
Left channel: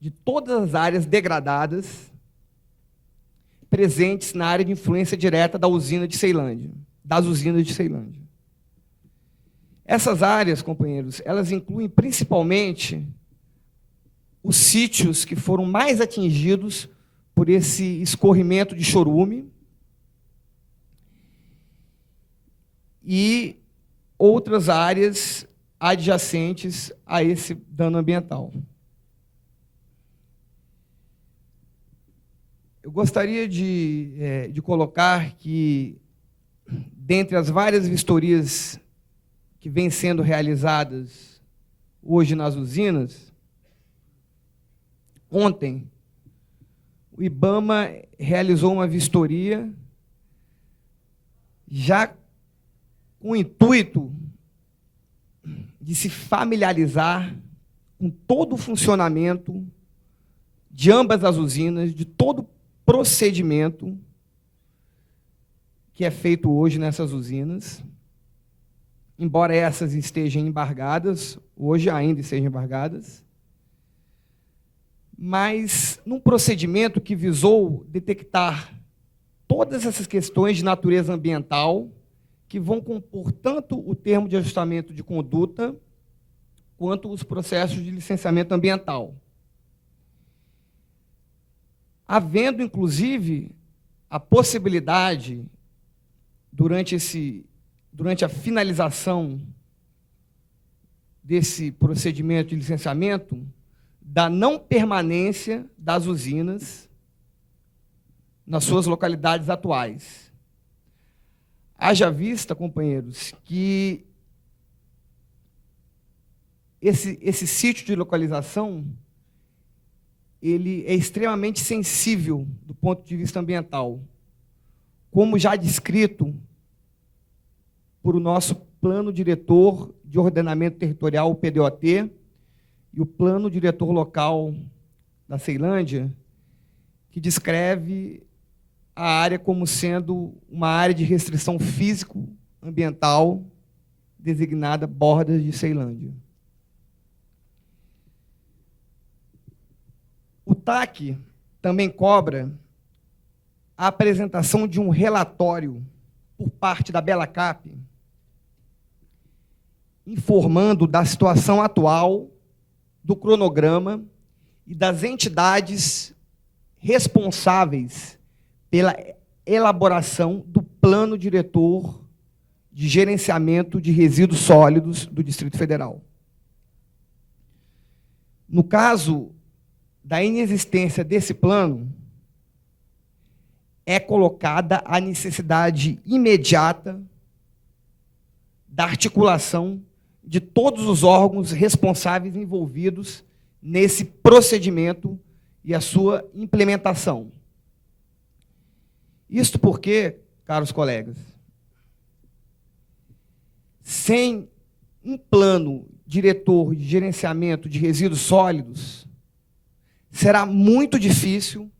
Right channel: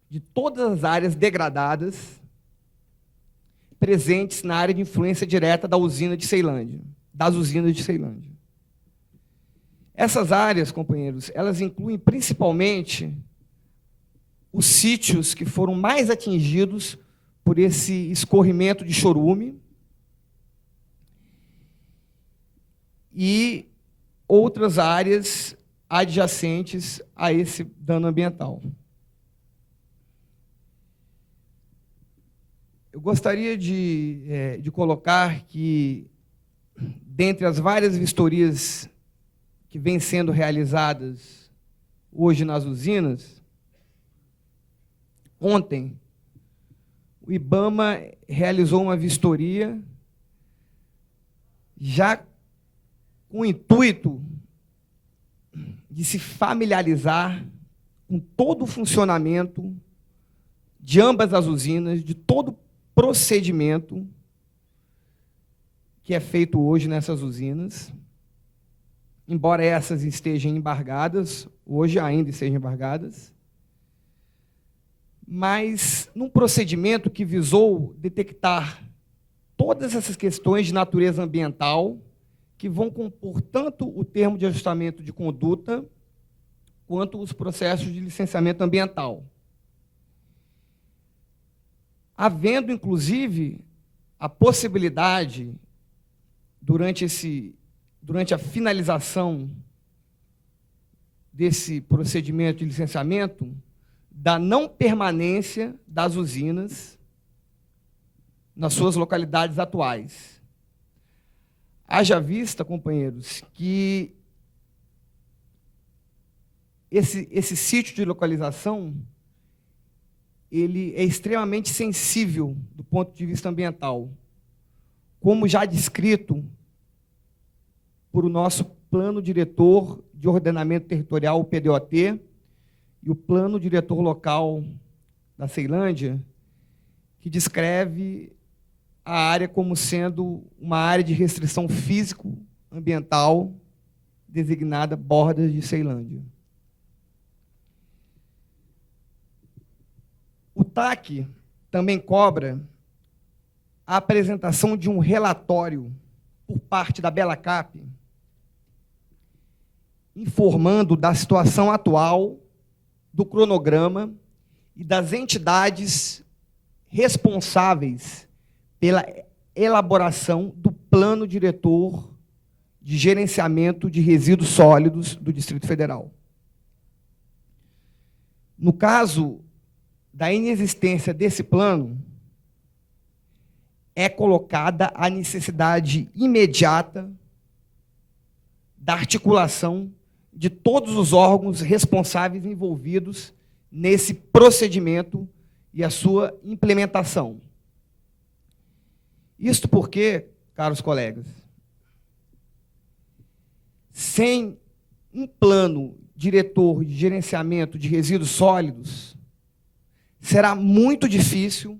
de todas as áreas degradadas presentes na área de influência direta da usina de Ceilândia, das usinas de Ceilândia. Essas áreas, companheiros, elas incluem principalmente os sítios que foram mais atingidos por esse escorrimento de chorume e outras áreas adjacentes a esse dano ambiental. Eu gostaria de colocar que, dentre as várias vistorias que vêm sendo realizadas hoje nas usinas, ontem o IBAMA realizou uma vistoria já com o intuito de se familiarizar com todo o funcionamento de ambas as usinas, de todo o procedimento que é feito hoje nessas usinas, embora essas estejam embargadas, hoje ainda estejam embargadas, mas num procedimento que visou detectar todas essas questões de natureza ambiental que vão compor tanto o termo de ajustamento de conduta quanto os processos de licenciamento ambiental. Havendo, inclusive, a possibilidade, durante a finalização desse procedimento de licenciamento, da não permanência das usinas nas suas localidades atuais. Haja vista, companheiros, que esse sítio de localização ele é extremamente sensível do ponto de vista ambiental. Como já descrito por o nosso Plano Diretor de Ordenamento Territorial, o PDOT, e o Plano Diretor Local da Ceilândia, que descreve a área como sendo uma área de restrição físico-ambiental designada Bordas de Ceilândia. O TAC também cobra a apresentação de um relatório por parte da Belacap, informando da situação atual, do cronograma e das entidades responsáveis pela elaboração do Plano Diretor de Gerenciamento de Resíduos Sólidos do Distrito Federal. No caso da inexistência desse plano, é colocada a necessidade imediata da articulação de todos os órgãos responsáveis envolvidos nesse procedimento e a sua implementação. Isso porque, caros colegas, sem um plano diretor de gerenciamento de resíduos sólidos, será muito difícil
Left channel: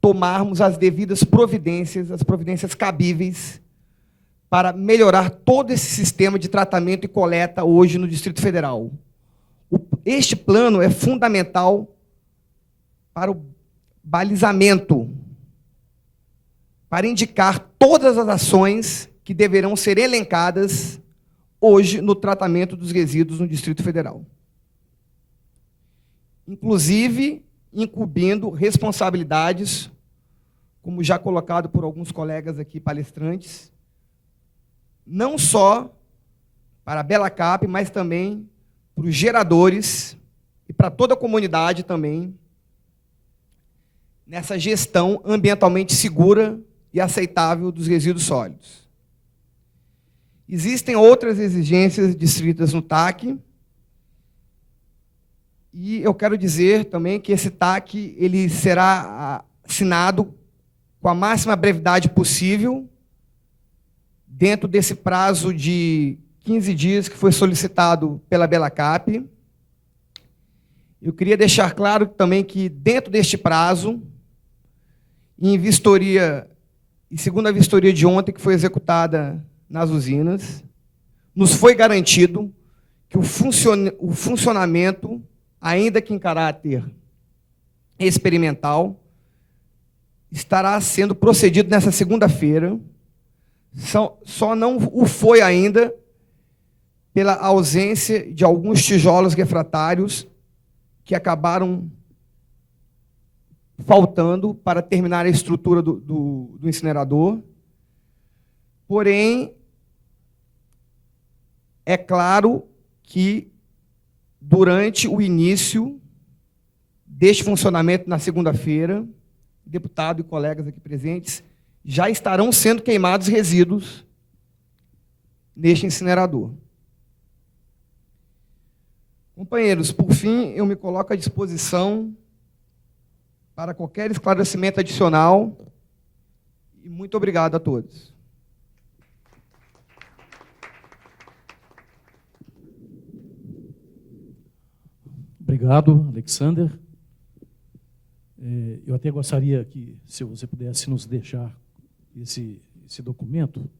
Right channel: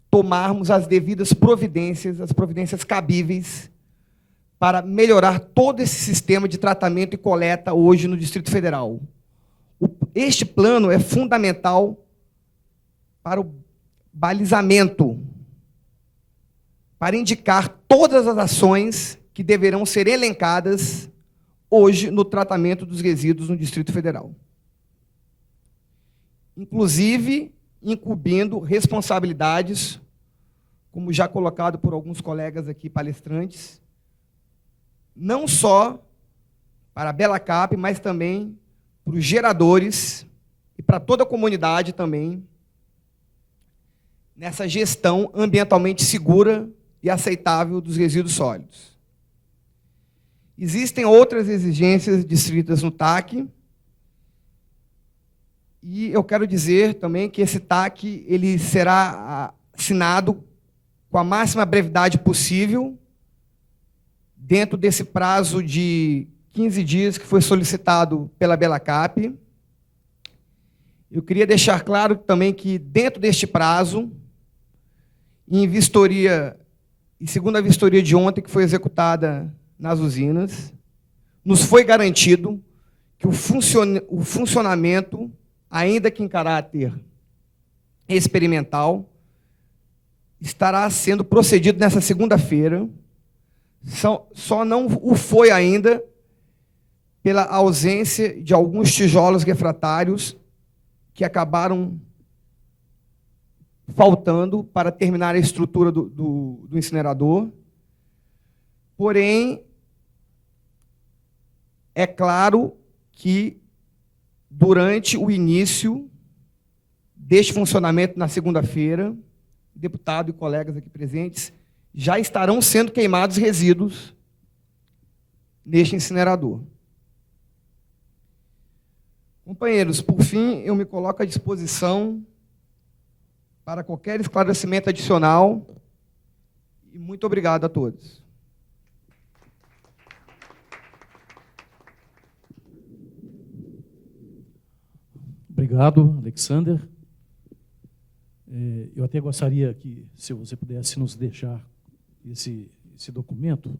tomarmos as devidas providências, as providências cabíveis, para melhorar todo esse sistema de tratamento e coleta hoje no Distrito Federal. Este plano é fundamental para o balizamento, para indicar todas as ações que deverão ser elencadas hoje no tratamento dos resíduos no Distrito Federal. Inclusive, incumbindo responsabilidades, como já colocado por alguns colegas aqui palestrantes, não só para a Belacap, mas também para os geradores e para toda a comunidade também, nessa gestão ambientalmente segura e aceitável dos resíduos sólidos. Existem outras exigências descritas no TAC, e eu quero dizer também que esse TAC ele será assinado com a máxima brevidade possível, dentro desse prazo de 15 dias que foi solicitado pela Belacap. Eu queria deixar claro também que, dentro deste prazo, em vistoria, e segundo a vistoria de ontem, que foi executada nas usinas, nos foi garantido que o funcionamento, ainda que em caráter experimental, estará sendo procedido nessa segunda-feira. Só não o foi ainda pela ausência de alguns tijolos refratários que acabaram faltando para terminar a estrutura do incinerador. Porém, é claro que durante o início deste funcionamento na segunda-feira, deputado e colegas aqui presentes já estarão sendo queimados resíduos neste incinerador. Companheiros, por fim, eu me coloco à disposição para qualquer esclarecimento adicional e muito obrigado a todos. Obrigado, Alexander. Eu até gostaria que, se você pudesse nos deixar esse documento,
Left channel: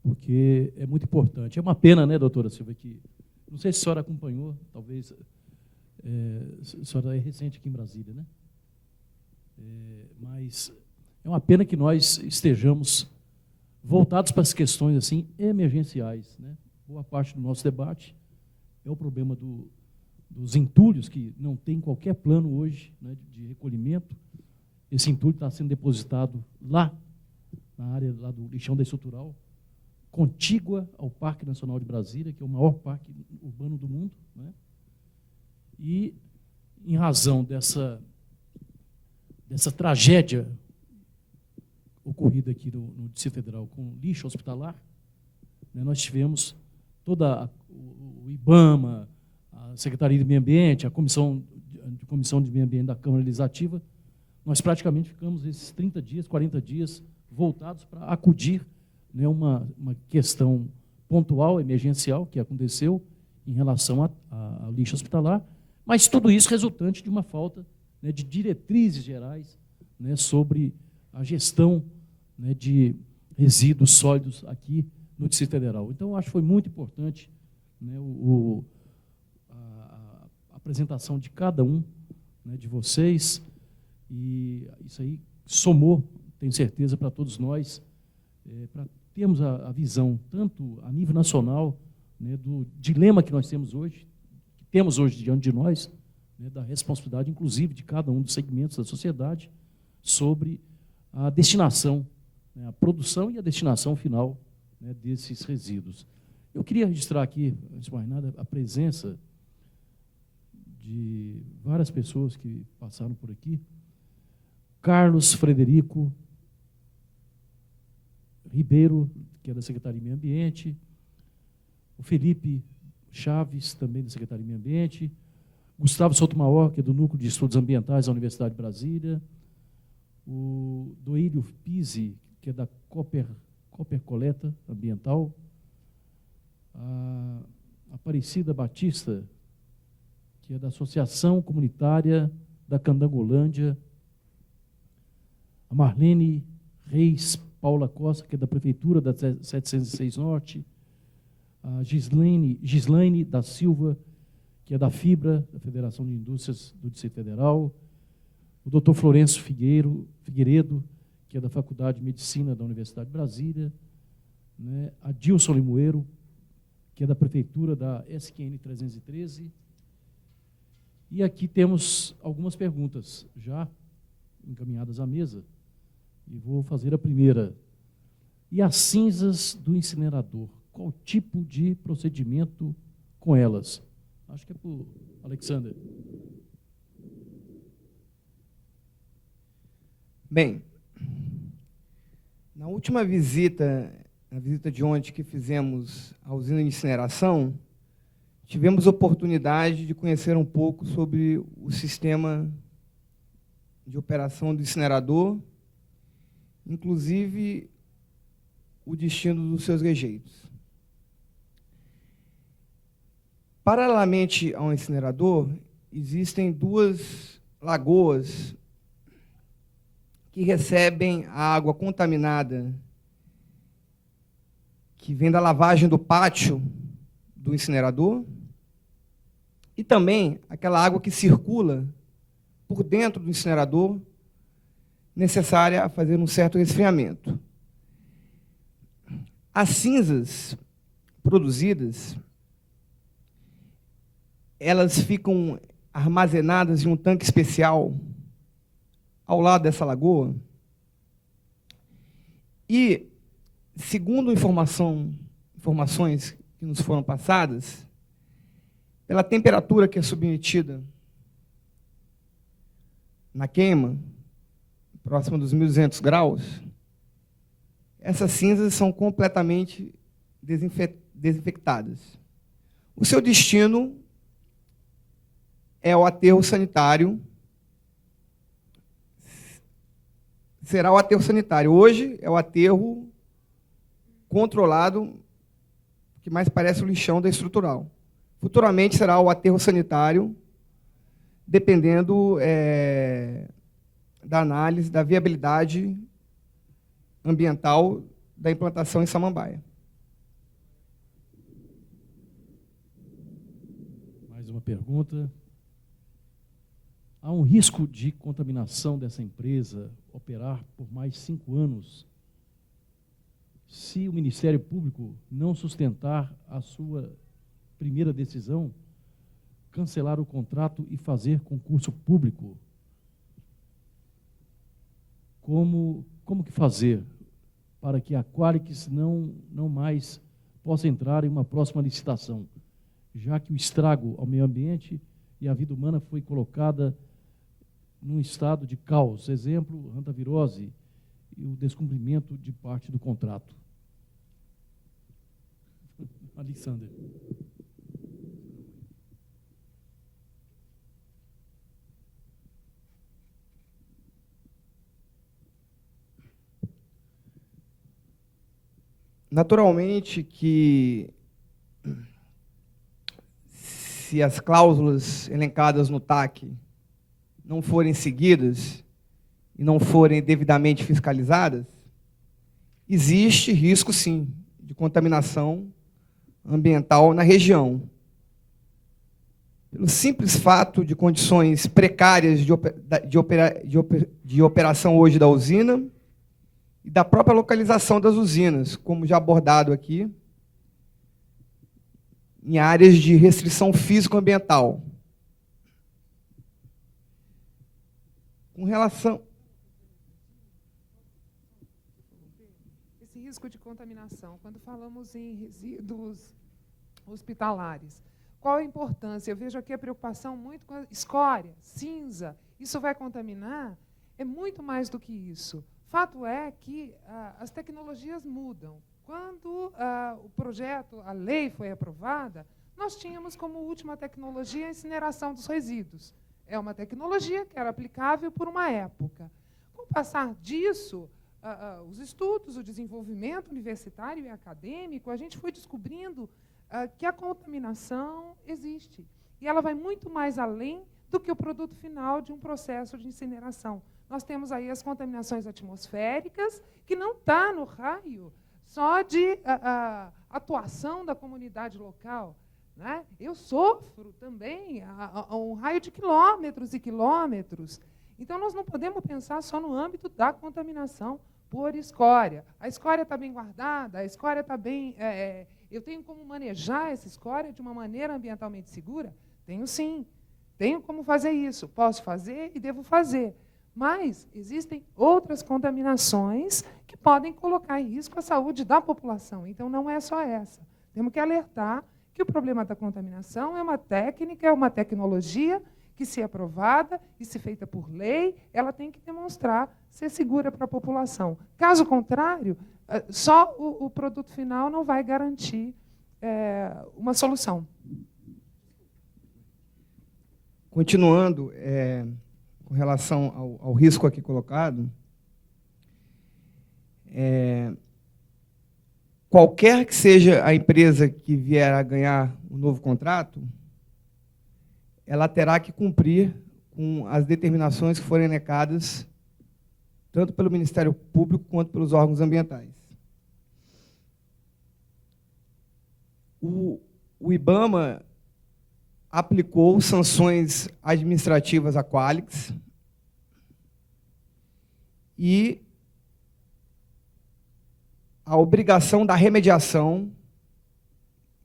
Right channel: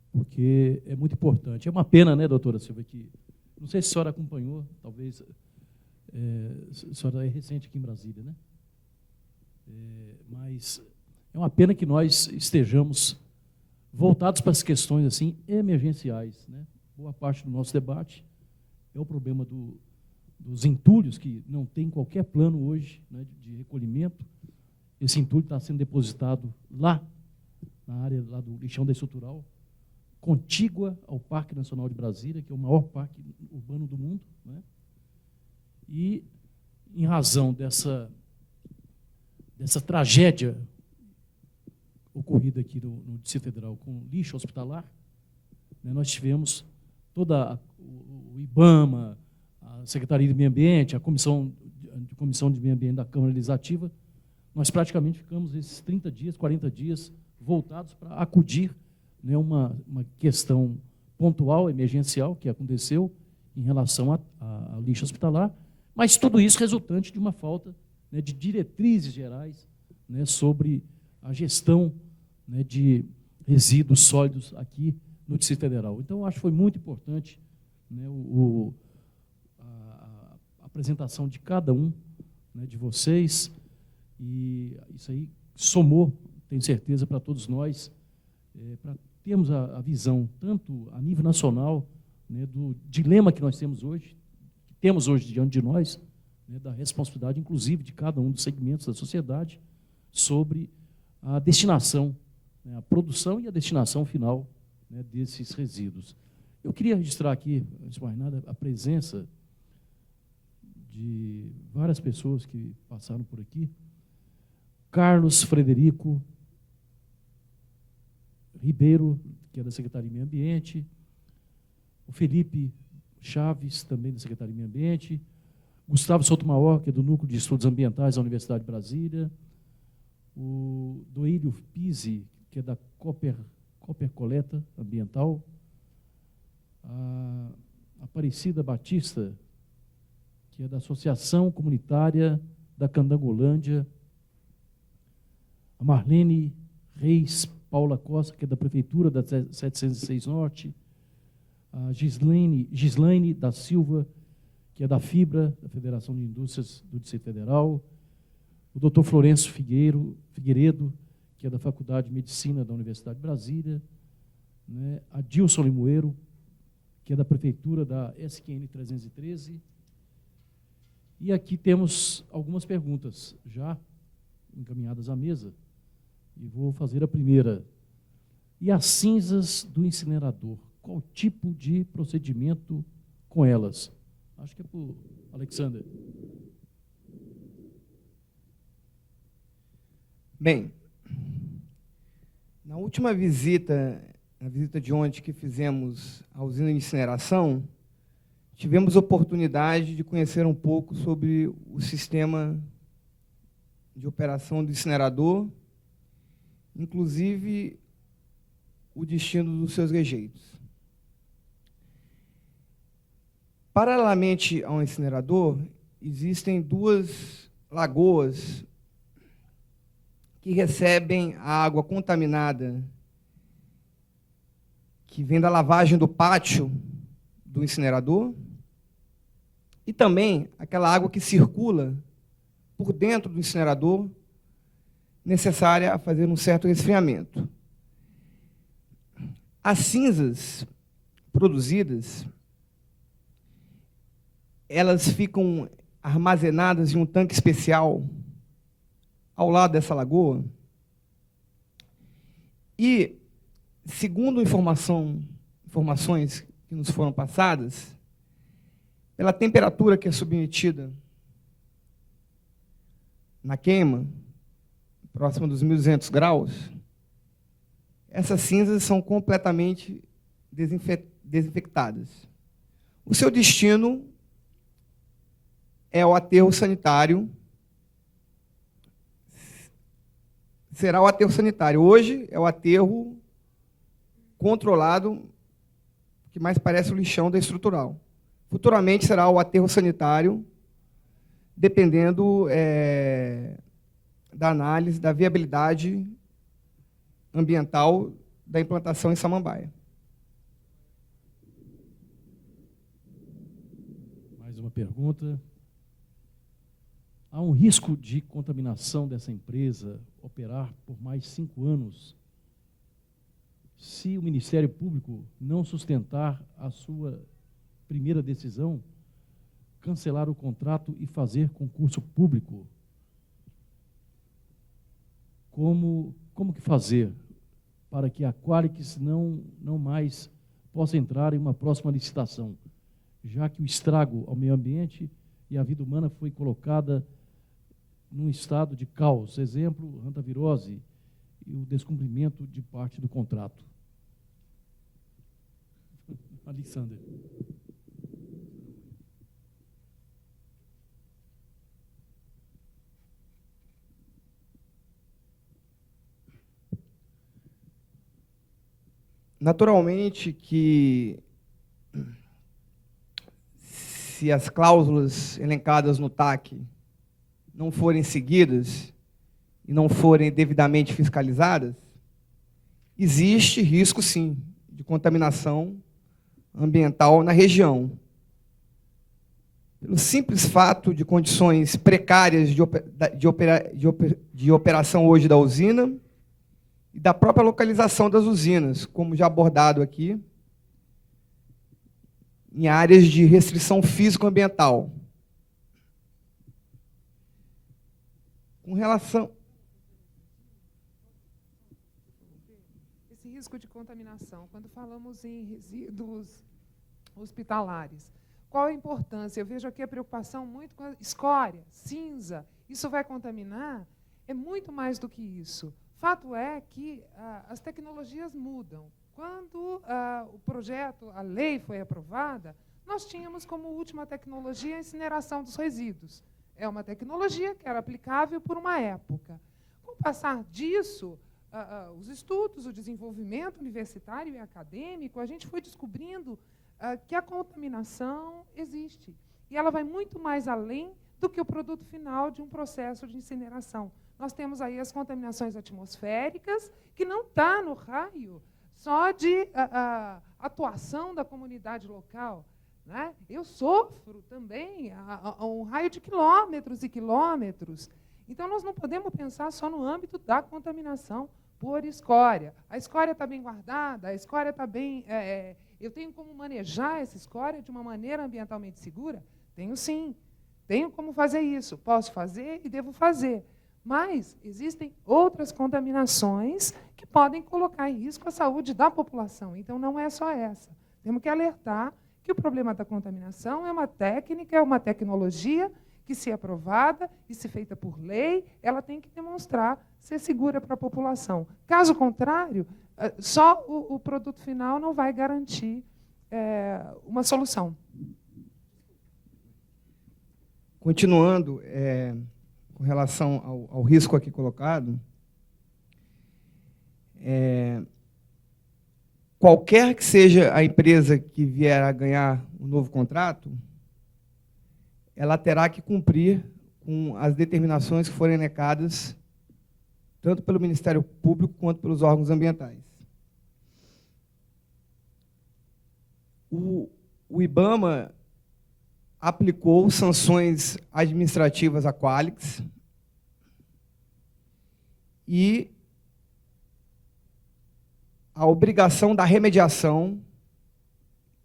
porque é muito importante. É uma pena, né, doutora, que não sei se a senhora acompanhou, talvez a senhora é recente em Brasília, né? Mas é uma pena que nós estejamos voltados para as questões assim, emergenciais. Né? Boa parte do nosso debate é o problema dos entulhos, que não tem qualquer plano hoje, né, de recolhimento. Esse entulho está sendo depositado lá, na área lá do lixão estrutural, contígua ao Parque Nacional de Brasília, que é o maior parque urbano do mundo. Né? E, em razão dessa tragédia ocorrida aqui no Distrito Federal com lixo hospitalar, né, nós tivemos toda o IBAMA, a Secretaria de Meio Ambiente, a Comissão de Meio Ambiente da Câmara Legislativa, nós praticamente ficamos esses 30 dias, 40 dias voltados para acudir né, uma questão pontual, emergencial, que aconteceu em relação a lixo hospitalar, mas tudo isso resultante de uma falta, né, de diretrizes gerais, né, sobre a gestão, né, de resíduos sólidos aqui no Distrito Federal. Então, eu acho que foi muito importante, né, a apresentação de cada um, né, de vocês, e isso aí somou, tenho certeza, para todos nós, para termos a visão, tanto a nível nacional, né, do dilema que nós temos hoje diante de nós, né, da responsabilidade, inclusive, de cada um dos segmentos da sociedade, sobre a destinação, né, a produção e a destinação final, né, desses resíduos. Eu queria registrar aqui, antes de mais nada, a presença de várias pessoas que passaram por aqui. Carlos Frederico Ribeiro, que é da Secretaria de Meio Ambiente, o Felipe Chaves, também da Secretaria de Meio Ambiente, Gustavo Sotomayor, que é do Núcleo de Estudos Ambientais da Universidade de Brasília, o Doeiro Pizzi, que é da Cooper Coleta Ambiental, a Aparecida Batista, que é da Associação Comunitária da Candangolândia, a Marlene Reis Paula Costa, que é da Prefeitura da 706 Norte, a Gislaine da Silva, que é da FIBRA, da Federação de Indústrias do Distrito Federal, o Dr. Florencio Figueiredo, que é da Faculdade de Medicina da Universidade de Brasília, né, a Dilson Limoeiro, que é da Prefeitura da SQN 313. E aqui temos algumas perguntas já encaminhadas à mesa. E vou fazer a primeira. E as cinzas do incinerador? Qual o tipo de procedimento com elas? Acho que é para o Alexander. Bem, na última visita, na visita de ontem que fizemos à usina de incineração, tivemos a oportunidade de conhecer um pouco sobre o sistema de operação do incinerador, inclusive o destino dos seus rejeitos. Paralelamente ao incinerador, existem duas lagoas que recebem água contaminada que vem da lavagem do pátio do incinerador e também aquela água que circula por dentro do incinerador necessária a fazer um certo esfriamento. As cinzas produzidas, elas ficam armazenadas em um tanque especial ao lado dessa lagoa e, segundo informações que nos foram passadas, pela temperatura que é submetida na queima, próxima dos 1.200 graus, essas cinzas são completamente desinfectadas. O seu destino é o aterro sanitário. Será o aterro sanitário. Hoje é o aterro controlado, que mais parece um chão estrutural. Futuramente será o aterro sanitário, dependendo da análise da viabilidade ambiental da implantação em Samambaia. Mais uma pergunta. Há um risco de contaminação dessa empresa operar por mais de 5 anos se o Ministério Público não sustentar a sua primeira decisão, cancelar o contrato e fazer concurso público? Como fazer para que a Qualix não mais possa entrar em uma próxima licitação, já que o estrago ao meio ambiente e a vida humana foi colocada num estado de caos, exemplo, hantavirose e o descumprimento de parte do contrato? Alexander. naturalmente que se as cláusulas elencadas no TAC não forem seguidas e não forem devidamente fiscalizadas, existe risco, sim, de contaminação ambiental na região. Pelo simples fato de condições precárias de operação hoje da usina e da própria localização das usinas, como já abordado aqui, em áreas de restrição físico-ambiental. Com relação... Esse risco de contaminação, quando falamos em resíduos hospitalares, qual a importância? Eu vejo aqui a preocupação muito com a escória, cinza. Isso vai contaminar? É muito mais do que isso. Fato é que as tecnologias mudam. Quando o projeto, a lei foi aprovada, nós tínhamos como última tecnologia a incineração dos resíduos. É uma tecnologia que era aplicável por uma época. Com o passar disso, os estudos, o desenvolvimento universitário e acadêmico, a gente foi descobrindo que a contaminação existe. E ela vai muito mais além do que o produto final de um processo de incineração. Nós temos aí as contaminações atmosféricas, que não está no raio só de atuação da comunidade local. Né? Eu sofro também a um raio de quilômetros e quilômetros. Então, nós não podemos pensar só no âmbito da contaminação por escória. A escória está bem guardada, a escória está bem... eu tenho como manejar essa escória de uma maneira ambientalmente segura? Tenho sim. Tenho como fazer isso. Posso fazer e devo fazer. Mas existem outras contaminações que podem colocar em risco a saúde da população. Então, não é só essa. Temos que alertar que o problema da contaminação é uma técnica, é uma tecnologia que, se é aprovada e se feita por lei, ela tem que mostrar ser segura para a população. Caso contrário, só o produto final não vai garantir uma solução. Continuando, com relação ao risco aqui colocado, qualquer que seja a empresa que vier a ganhar um novo contrato, ela terá que cumprir com as determinações que forem elencadas tanto pelo Ministério Público quanto pelos órgãos ambientais. O IBAMA aplicou sanções administrativas à Qualis e a obrigação da remediação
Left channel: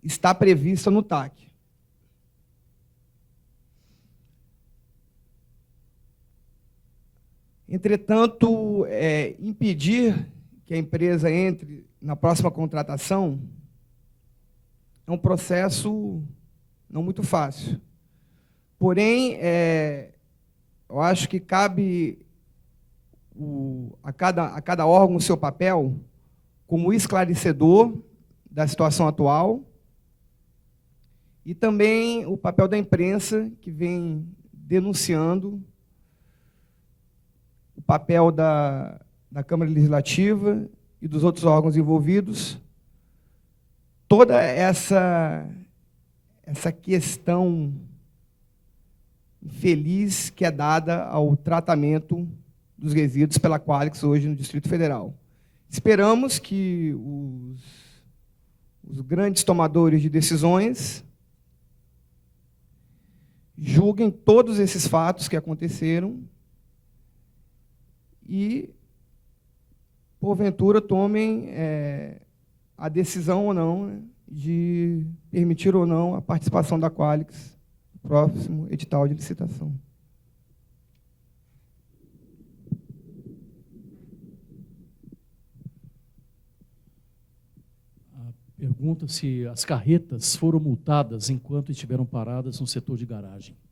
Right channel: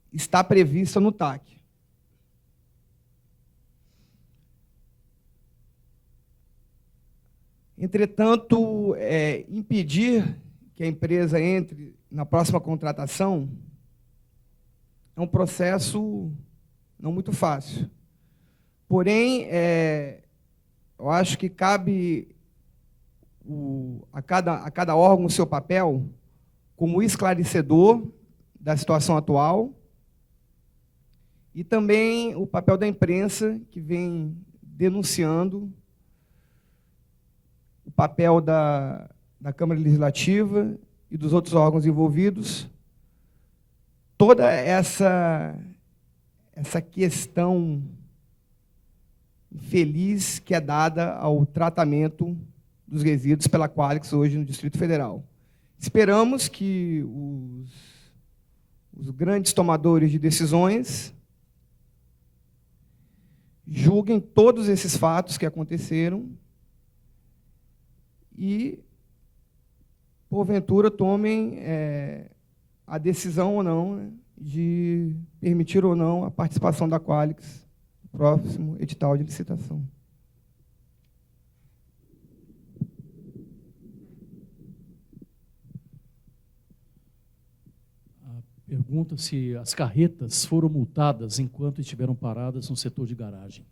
está prevista no TAC. Entretanto, impedir que a empresa entre na próxima contratação é um processo não muito fácil. Porém, eu acho que cabe a cada órgão o seu papel como esclarecedor da situação atual e também o papel da imprensa, que vem denunciando o papel da Câmara Legislativa e dos outros órgãos envolvidos, toda essa questão infeliz que é dada ao tratamento dos resíduos pela Qualis hoje no Distrito Federal. Esperamos que os grandes tomadores de decisões julguem todos esses fatos que aconteceram e, porventura, tomem a decisão ou não de permitir ou não a participação da Qualis no próximo edital de licitação. Pergunta se as carretas foram multadas enquanto estiveram paradas no setor de garagem.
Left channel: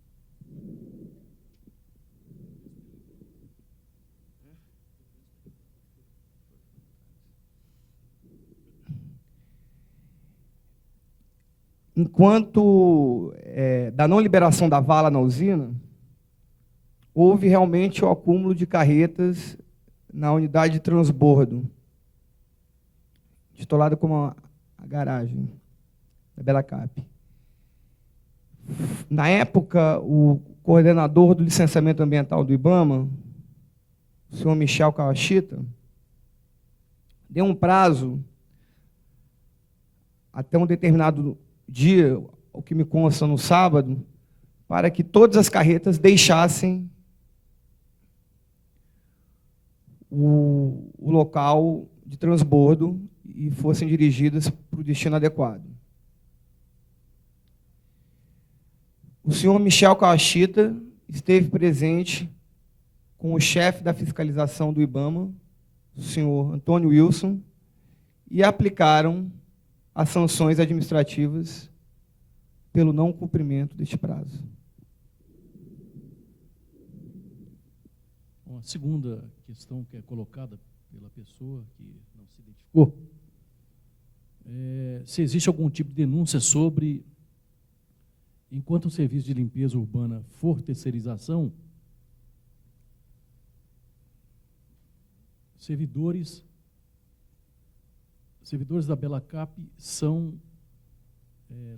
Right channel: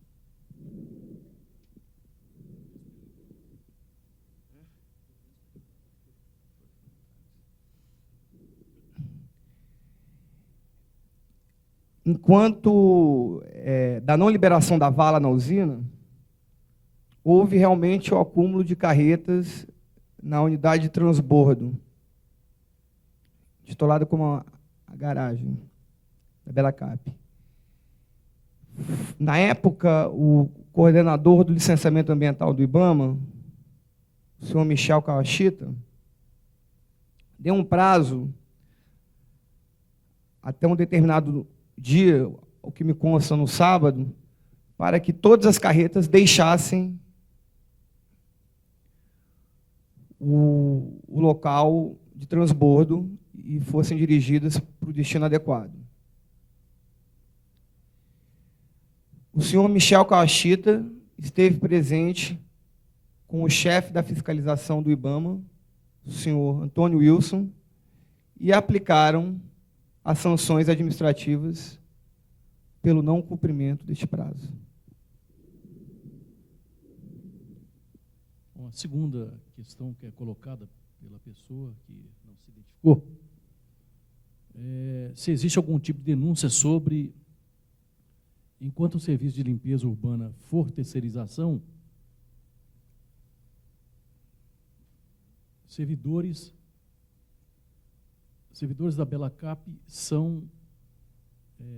Enquanto da não liberação da vala na usina, houve realmente o acúmulo de carretas na unidade de transbordo intitulada como a garagem da Bela Cap. Na época, o coordenador do licenciamento ambiental do IBAMA, o senhor Michel Kawashita, deu um prazo até um determinado dia, o que me consta no sábado, para que todas as carretas deixassem o local de transbordo e fossem dirigidas para o destino adequado. O senhor Michel Kawashita esteve presente com o chefe da fiscalização do IBAMA, o senhor Antônio Wilson, e aplicaram as sanções administrativas pelo não cumprimento deste prazo. Uma segunda questão que é colocada pela pessoa que não se identificou, se existe algum tipo de denúncia sobre, enquanto o serviço de limpeza urbana for terceirização, servidores da Bela Cap são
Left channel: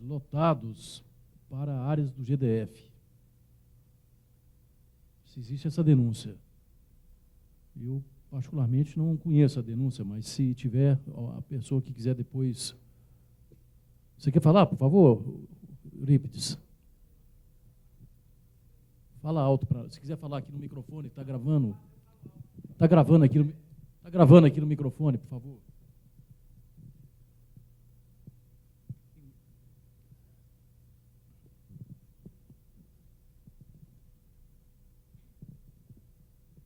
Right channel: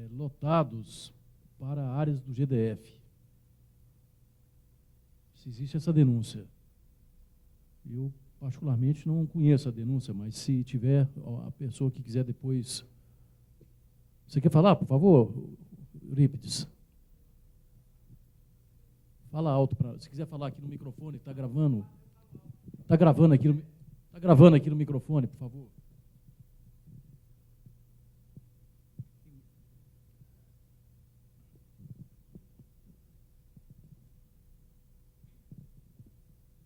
lotados para áreas do GDF. Se existe essa denúncia. Eu, particularmente, não conheço essa denúncia, mas se tiver, a pessoa que quiser depois... Você quer falar, por favor, Euripides? Fala alto. Se quiser falar aqui no microfone, está gravando. Está gravando aqui no microfone, por favor.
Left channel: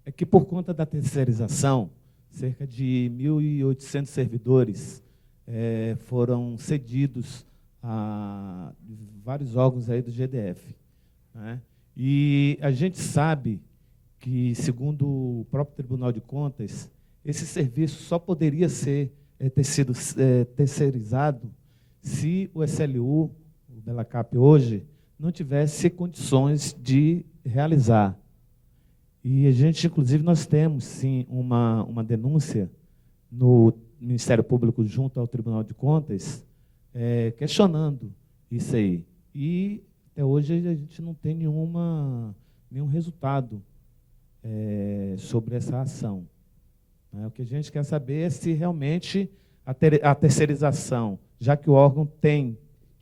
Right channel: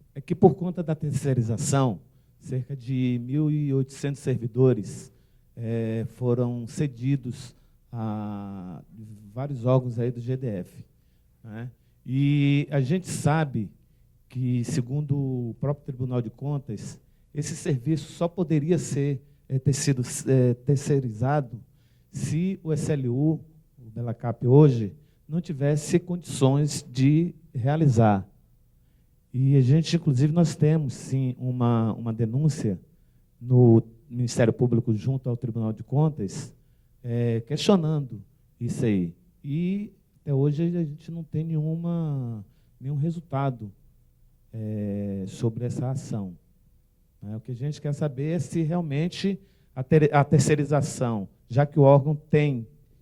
É que por conta da terceirização, cerca de 1.800 servidores foram cedidos a vários órgãos aí do GDF. Né? E a gente sabe que, segundo o próprio Tribunal de Contas, esse serviço só poderia ser terceirizado se o SLU, o Bela Cap hoje, não tivesse condições de realizar. E a gente, inclusive, nós temos, sim, uma denúncia no Ministério Público junto ao Tribunal de Contas, questionando isso aí. E até hoje a gente não tem nenhum resultado sobre essa ação. O que a gente quer saber é se realmente a terceirização, já que o órgão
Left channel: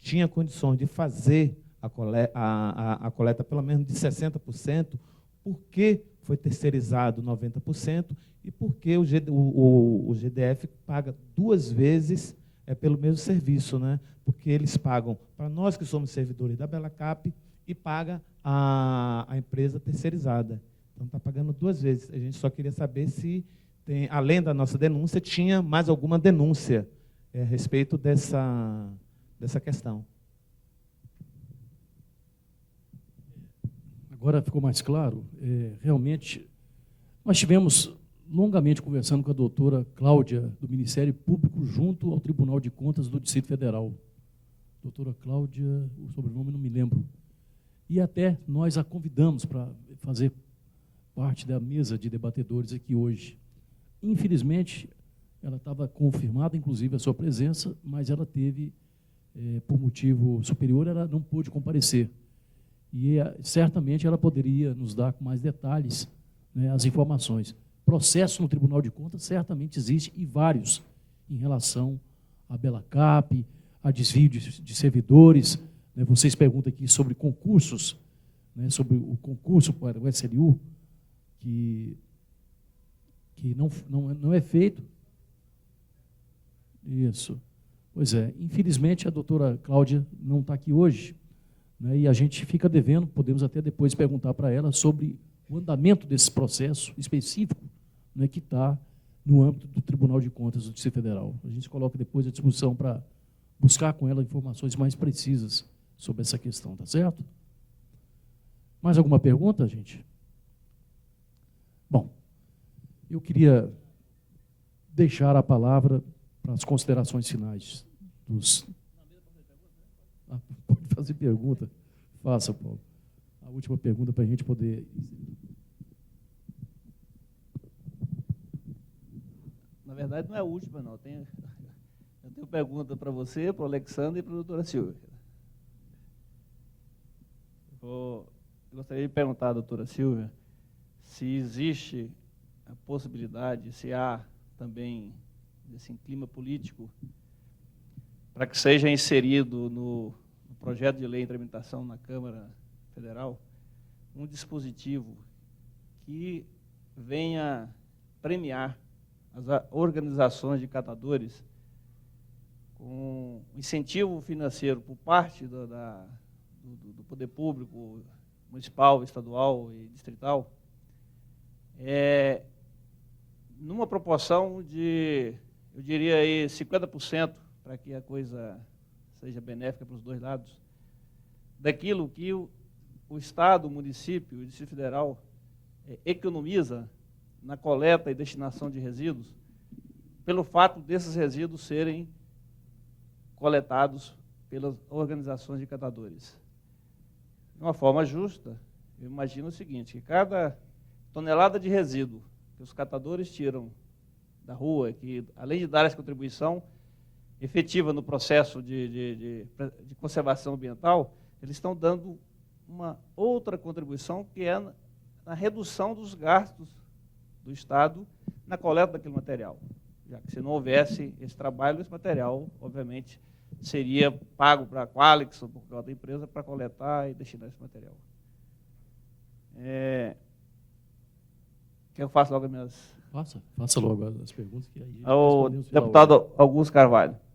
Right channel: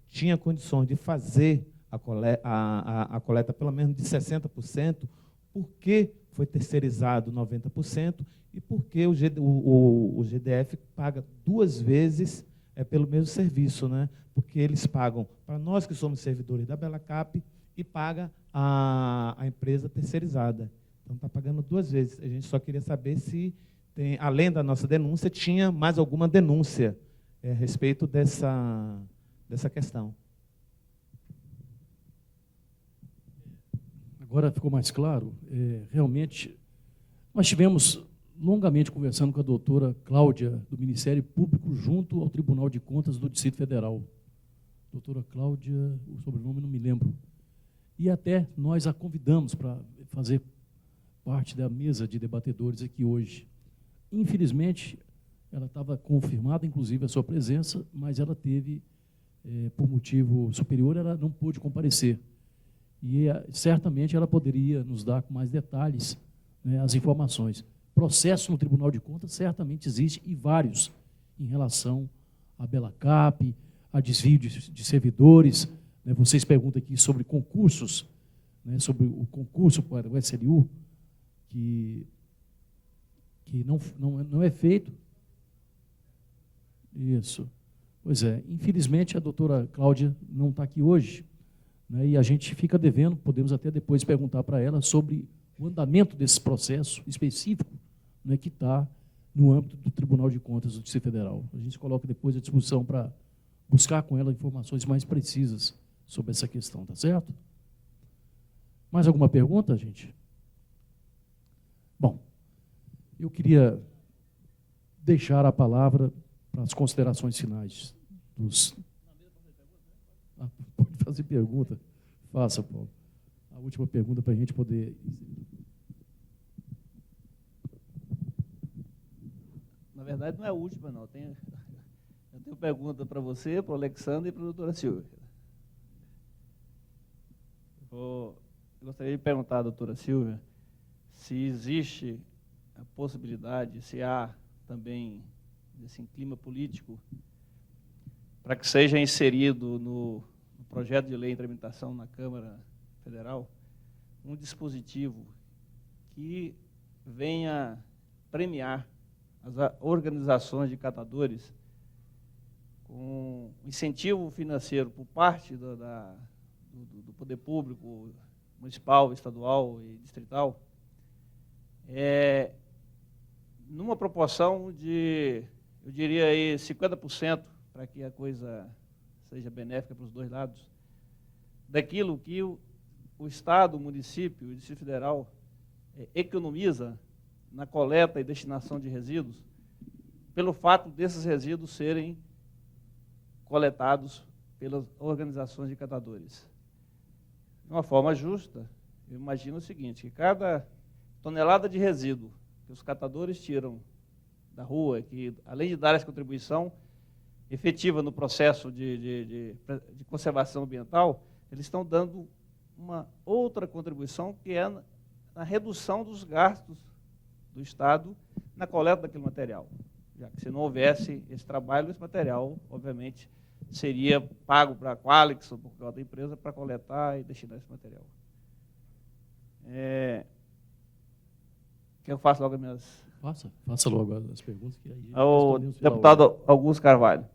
tinha condições de fazer a coleta pelo menos de 60%, por que foi terceirizado 90% e por que o GDF paga 2 vezes pelo mesmo serviço, né? Porque eles pagam para nós que somos servidores da Bela Cap e paga a empresa terceirizada. Então está pagando 2 vezes. A gente só queria saber se, além da nossa denúncia, tinha mais alguma denúncia a respeito dessa questão. Agora ficou mais claro, realmente, nós tivemos longamente conversando com a doutora Cláudia, do Ministério Público, junto ao Tribunal de Contas do Distrito Federal. Doutora Cláudia, o sobrenome não me lembro. E até nós a convidamos para fazer parte da mesa de debatedores aqui hoje. Infelizmente, ela estava confirmada, inclusive, a sua presença, mas ela teve, por motivo superior, ela não pôde comparecer. E certamente ela poderia nos dar mais detalhes, né, as informações. Processo no Tribunal de Contas certamente existe e vários em relação à Bela Cap, a desvio de servidores. Né, vocês perguntam aqui sobre concursos, né, sobre o concurso para o SLU, que não é feito. Isso. Pois é, infelizmente a doutora Cláudia não está aqui hoje. Né, e a gente fica devendo, podemos até depois perguntar para ela sobre o andamento desse processo específico, né, que está no âmbito do Tribunal de Contas do Distrito Federal. A gente coloca depois a discussão para buscar com ela informações mais precisas sobre essa questão, certo? Mais alguma pergunta, gente? Bom, eu queria deixar a palavra para as considerações finais dos... Fazer pergunta. Faça, Paulo. A última pergunta para a gente poder... Na verdade, não é a última, não. pergunta para você, para o Alexandre e para a doutora Silvia. Eu gostaria de perguntar à doutora Silvia se existe a possibilidade, se há também esse clima político para que seja inserido no projeto de lei de implementação na Câmara Federal um dispositivo que venha premiar as organizações de catadores com incentivo financeiro por parte do poder público, municipal, estadual e distrital, numa proporção de, eu diria aí, 50%, para que a coisa seja benéfica nos dois lados, daquilo que o Estado, o município, o Distrito Federal economiza na coleta e destinação de resíduos, pelo fato desses resíduos serem coletados pelas organizações de catadores. De uma forma justa, eu imagino o seguinte: cada tonelada de resíduo que os catadores tiram da rua, que além de dar essa contribuição efetiva no processo de conservação ambiental, eles estão dando uma outra contribuição, que é na redução dos gastos do Estado na coleta do material. Já que se não houvesse esse trabalho, o material, obviamente, seria pago para a Qualix ou para outra empresa para coletar e destinar esse material. Quer fazer algumas... Faça logo as perguntas. Ao deputado Augusto Carvalho.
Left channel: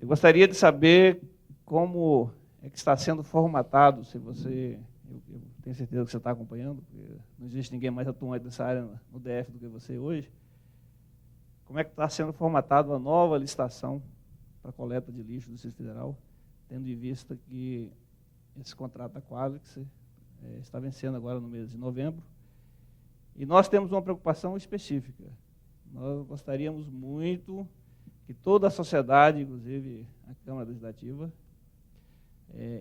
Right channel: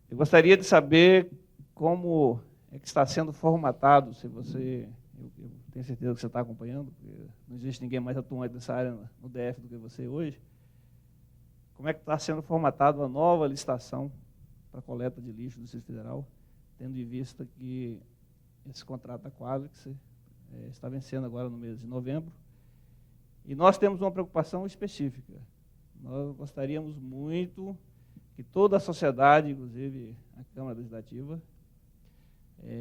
Eu gostaria de saber como é que está sendo formatado, se você, eu tenho certeza que você está acompanhando, não existe ninguém mais atuante dessa área no DF do que você hoje, como é que está sendo formatada a nova licitação para a coleta de lixo do Distrito Federal, tendo em vista que esse contrato da Qualix está vencendo agora no mês de novembro. E nós temos uma preocupação específica. Nós gostaríamos muito que toda a sociedade, inclusive a Câmara Legislativa,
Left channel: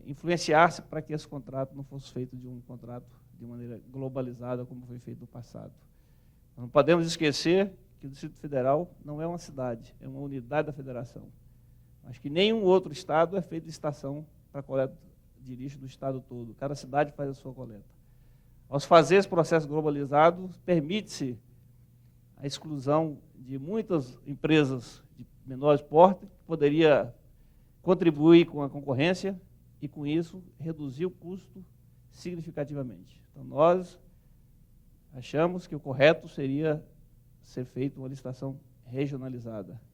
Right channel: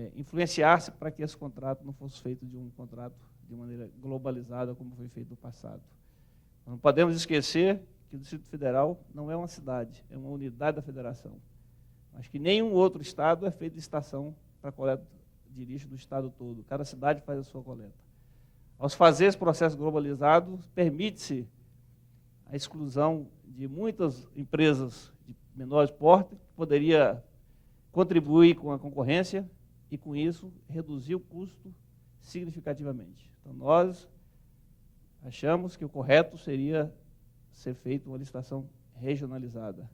influenciasse para que esse contrato não fosse feito de um contrato de maneira globalizada como foi feito no passado. Não podemos esquecer que o Distrito Federal não é uma cidade, é uma unidade da federação. Acho que nenhum outro estado é feito licitação para a coleta de lixo do estado todo. Cada cidade faz a sua coleta. Ao fazer esse processo globalizado, permite-se a exclusão de muitas empresas de menor porte, que poderia contribuir com a concorrência e, com isso, reduzir o custo significativamente. Então, nós achamos que o correto seria ser feito uma licitação regionalizada.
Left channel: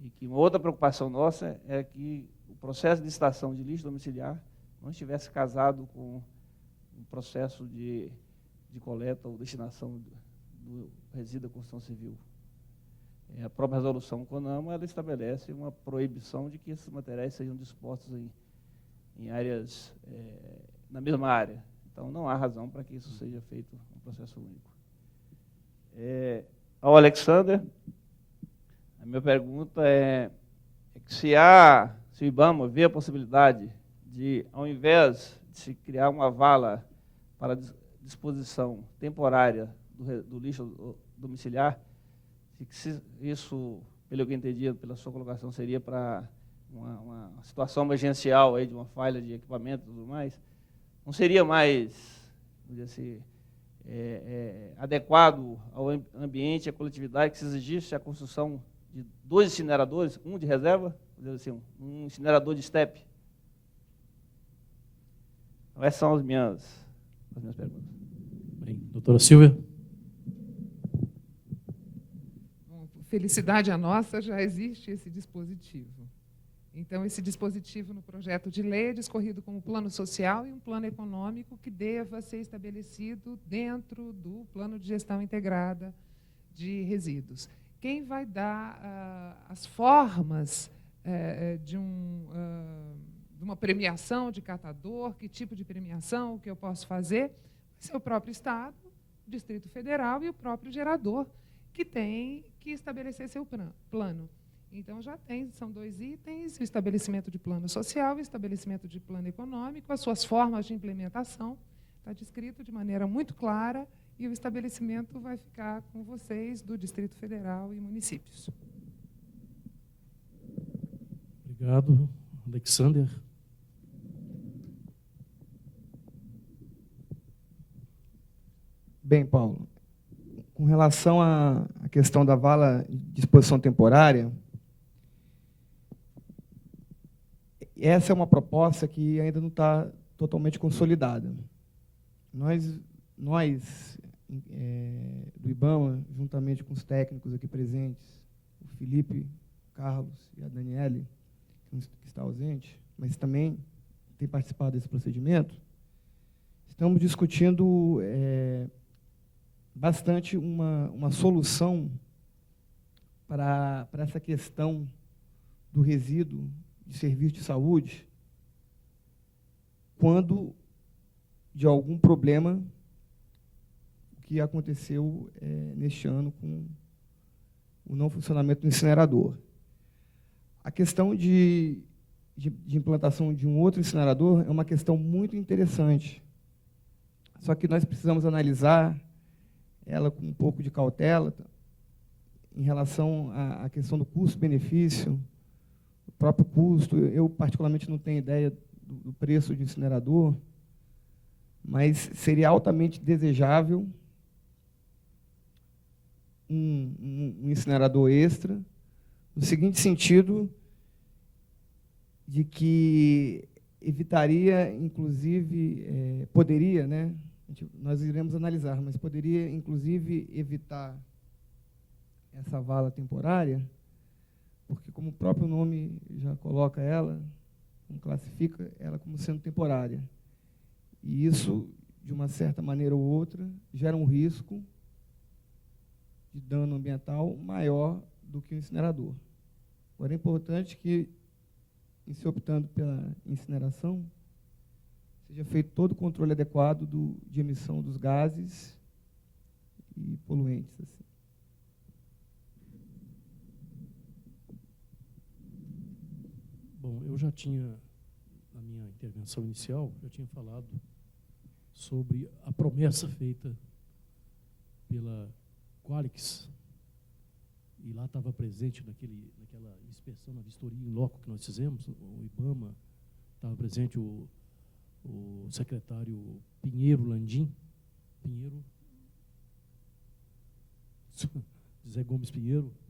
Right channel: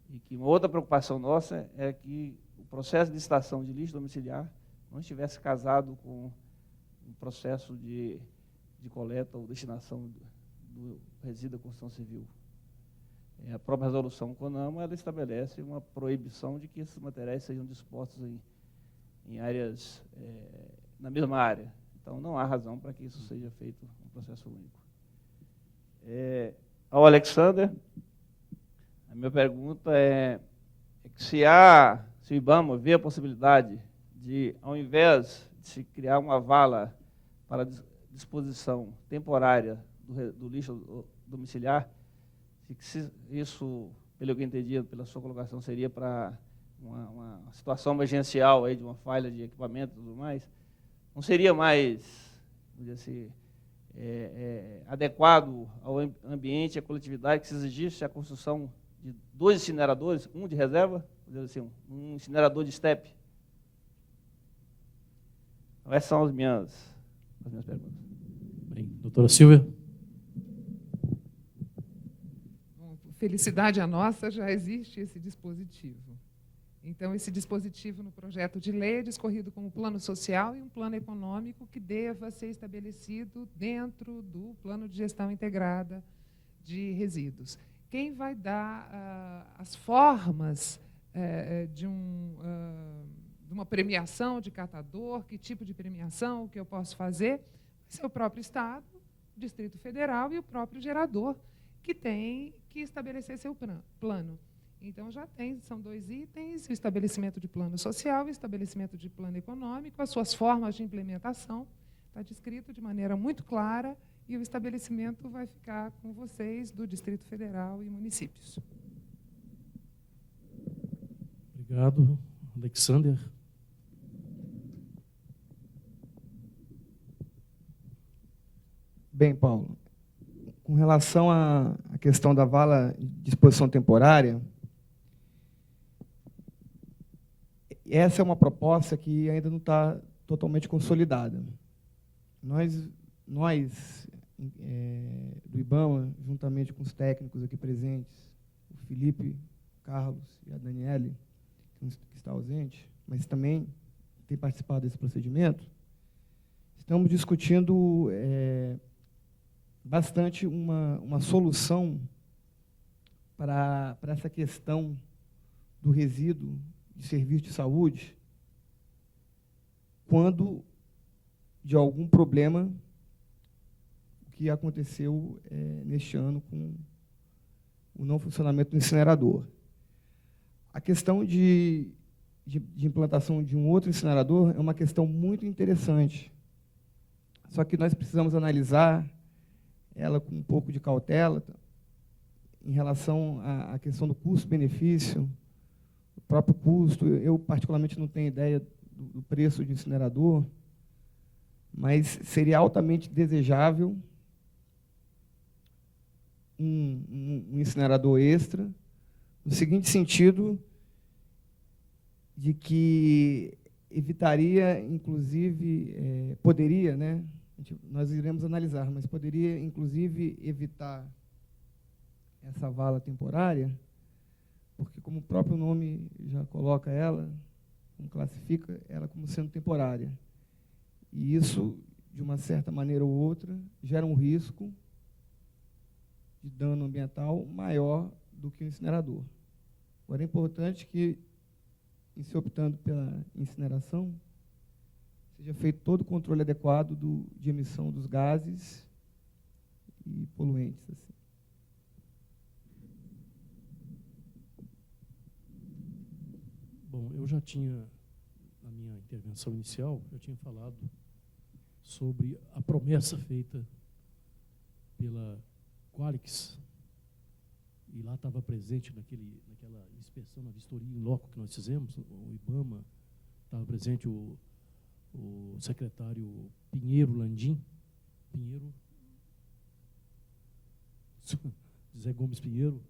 E que uma outra preocupação nossa é que o processo de licitação de lixo domiciliar não estivesse casado com o processo de coleta ou destinação do resíduo da construção civil. A própria resolução CONAMA, ela estabelece uma proibição de que esses materiais sejam expostos em áreas, na mesma área. Então, não há razão para que isso seja feito no processo único. Ao Alexandre, a minha pergunta é se vamos ver a possibilidade de, ao invés de se criar uma vala para a disposição temporária do lixo domiciliar, se isso, pelo que eu entendi pela sua colocação, seria para uma situação emergencial, aí, de uma falha de equipamento e tudo mais, não seria mais, vamos dizer assim, adequado ao ambiente, à coletividade, que se exigisse a construção de 2 incineradores, um de reserva, assim, um incinerador de estepe. Então, essas são as minhas perguntas. Bem, doutora Silvia. Felicidade a nossa, já existe esse dispositivo. Então, esse dispositivo no projeto de lei é escorrido com um plano social e um plano econômico que deva ser estabelecido dentro do plano de gestão integrada de resíduos. Quem vai dar as formas de uma premiação de catador, que tipo de premiação que eu posso fazer, é o próprio Estado, o Distrito Federal e o próprio gerador, que tem que estabelecer seu plano. Então, já tem, são 2 itens: o estabelecimento de plano social, o estabelecimento de plano econômico, as suas formas de implementação, está descrito de maneira muito clara, e o estabelecimento vai ficar com vocês, do Distrito Federal e municípios. Obrigado, Alexander. Bem, Paulo, com relação à questão da vala de disposição temporária, essa é uma proposta que ainda não está totalmente consolidada. Nós do IBAMA, juntamente com os técnicos aqui presentes, o Felipe, o Carlos e a Daniele, que está ausente, mas também tem participado desse procedimento, estamos discutindo bastante uma solução para essa questão do resíduo de serviço de saúde quando de algum problema que aconteceu neste ano com o não funcionamento do incinerador. A questão de implantação de um outro incinerador é uma questão muito interessante. Só que nós precisamos analisar ela com um pouco de cautela em relação à questão do custo-benefício, o próprio custo. Eu, particularmente, não tenho ideia do preço do incinerador, mas seria altamente desejável um incinerador extra, no seguinte sentido, de que evitaria, inclusive, poderia, né? Nós iremos analisar, mas poderia, inclusive, evitar essa vala temporária, porque, como o próprio nome já coloca ela, classifica ela como sendo temporária. E isso, de uma certa maneira ou outra, gera um risco de dano ambiental maior do que o incinerador. Agora, é importante que, em se optando pela incineração, seja feito todo o controle adequado de emissão dos gases e poluentes. Bom, eu já tinha, na minha intervenção inicial, eu tinha falado sobre a promessa feita pela Qualis, e lá estava presente aquela inspeção na vistoria em loco que nós fizemos, o IBAMA, estava presente o secretário Pinheiro Landim, José Gomes Pinheiro,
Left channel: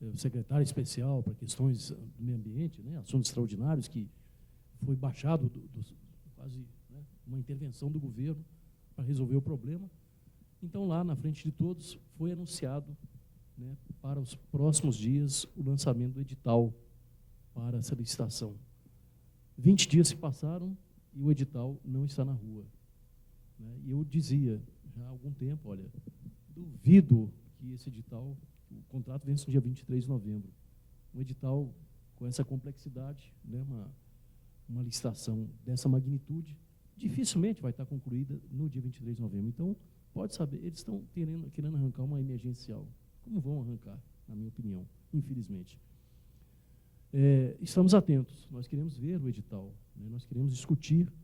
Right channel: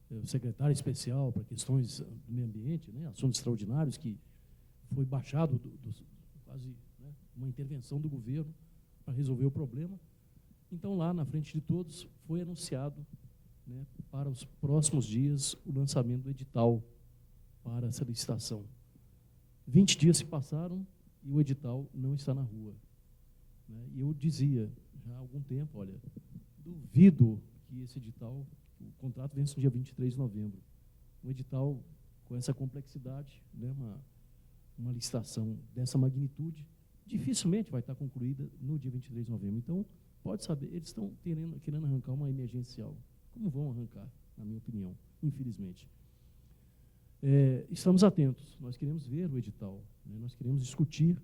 o secretário especial para questões do meio ambiente, né, assuntos extraordinários, que foi baixado, quase uma intervenção do governo para resolver o problema. Então, lá na frente de todos, foi anunciado, né, para os próximos dias o lançamento do edital para essa licitação. 20 dias se passaram e o edital não está na rua. E eu dizia já há algum tempo, olha, duvido que esse edital, o contrato vence no dia 23 de novembro. Um edital com essa complexidade, né, uma licitação dessa magnitude, dificilmente vai estar concluída no dia 23 de novembro. Então, pode saber, eles estão querendo arrancar uma emergencial. Como vão arrancar, na minha opinião, infelizmente. Estamos atentos, nós queremos ver o edital, né? Nós queremos discutir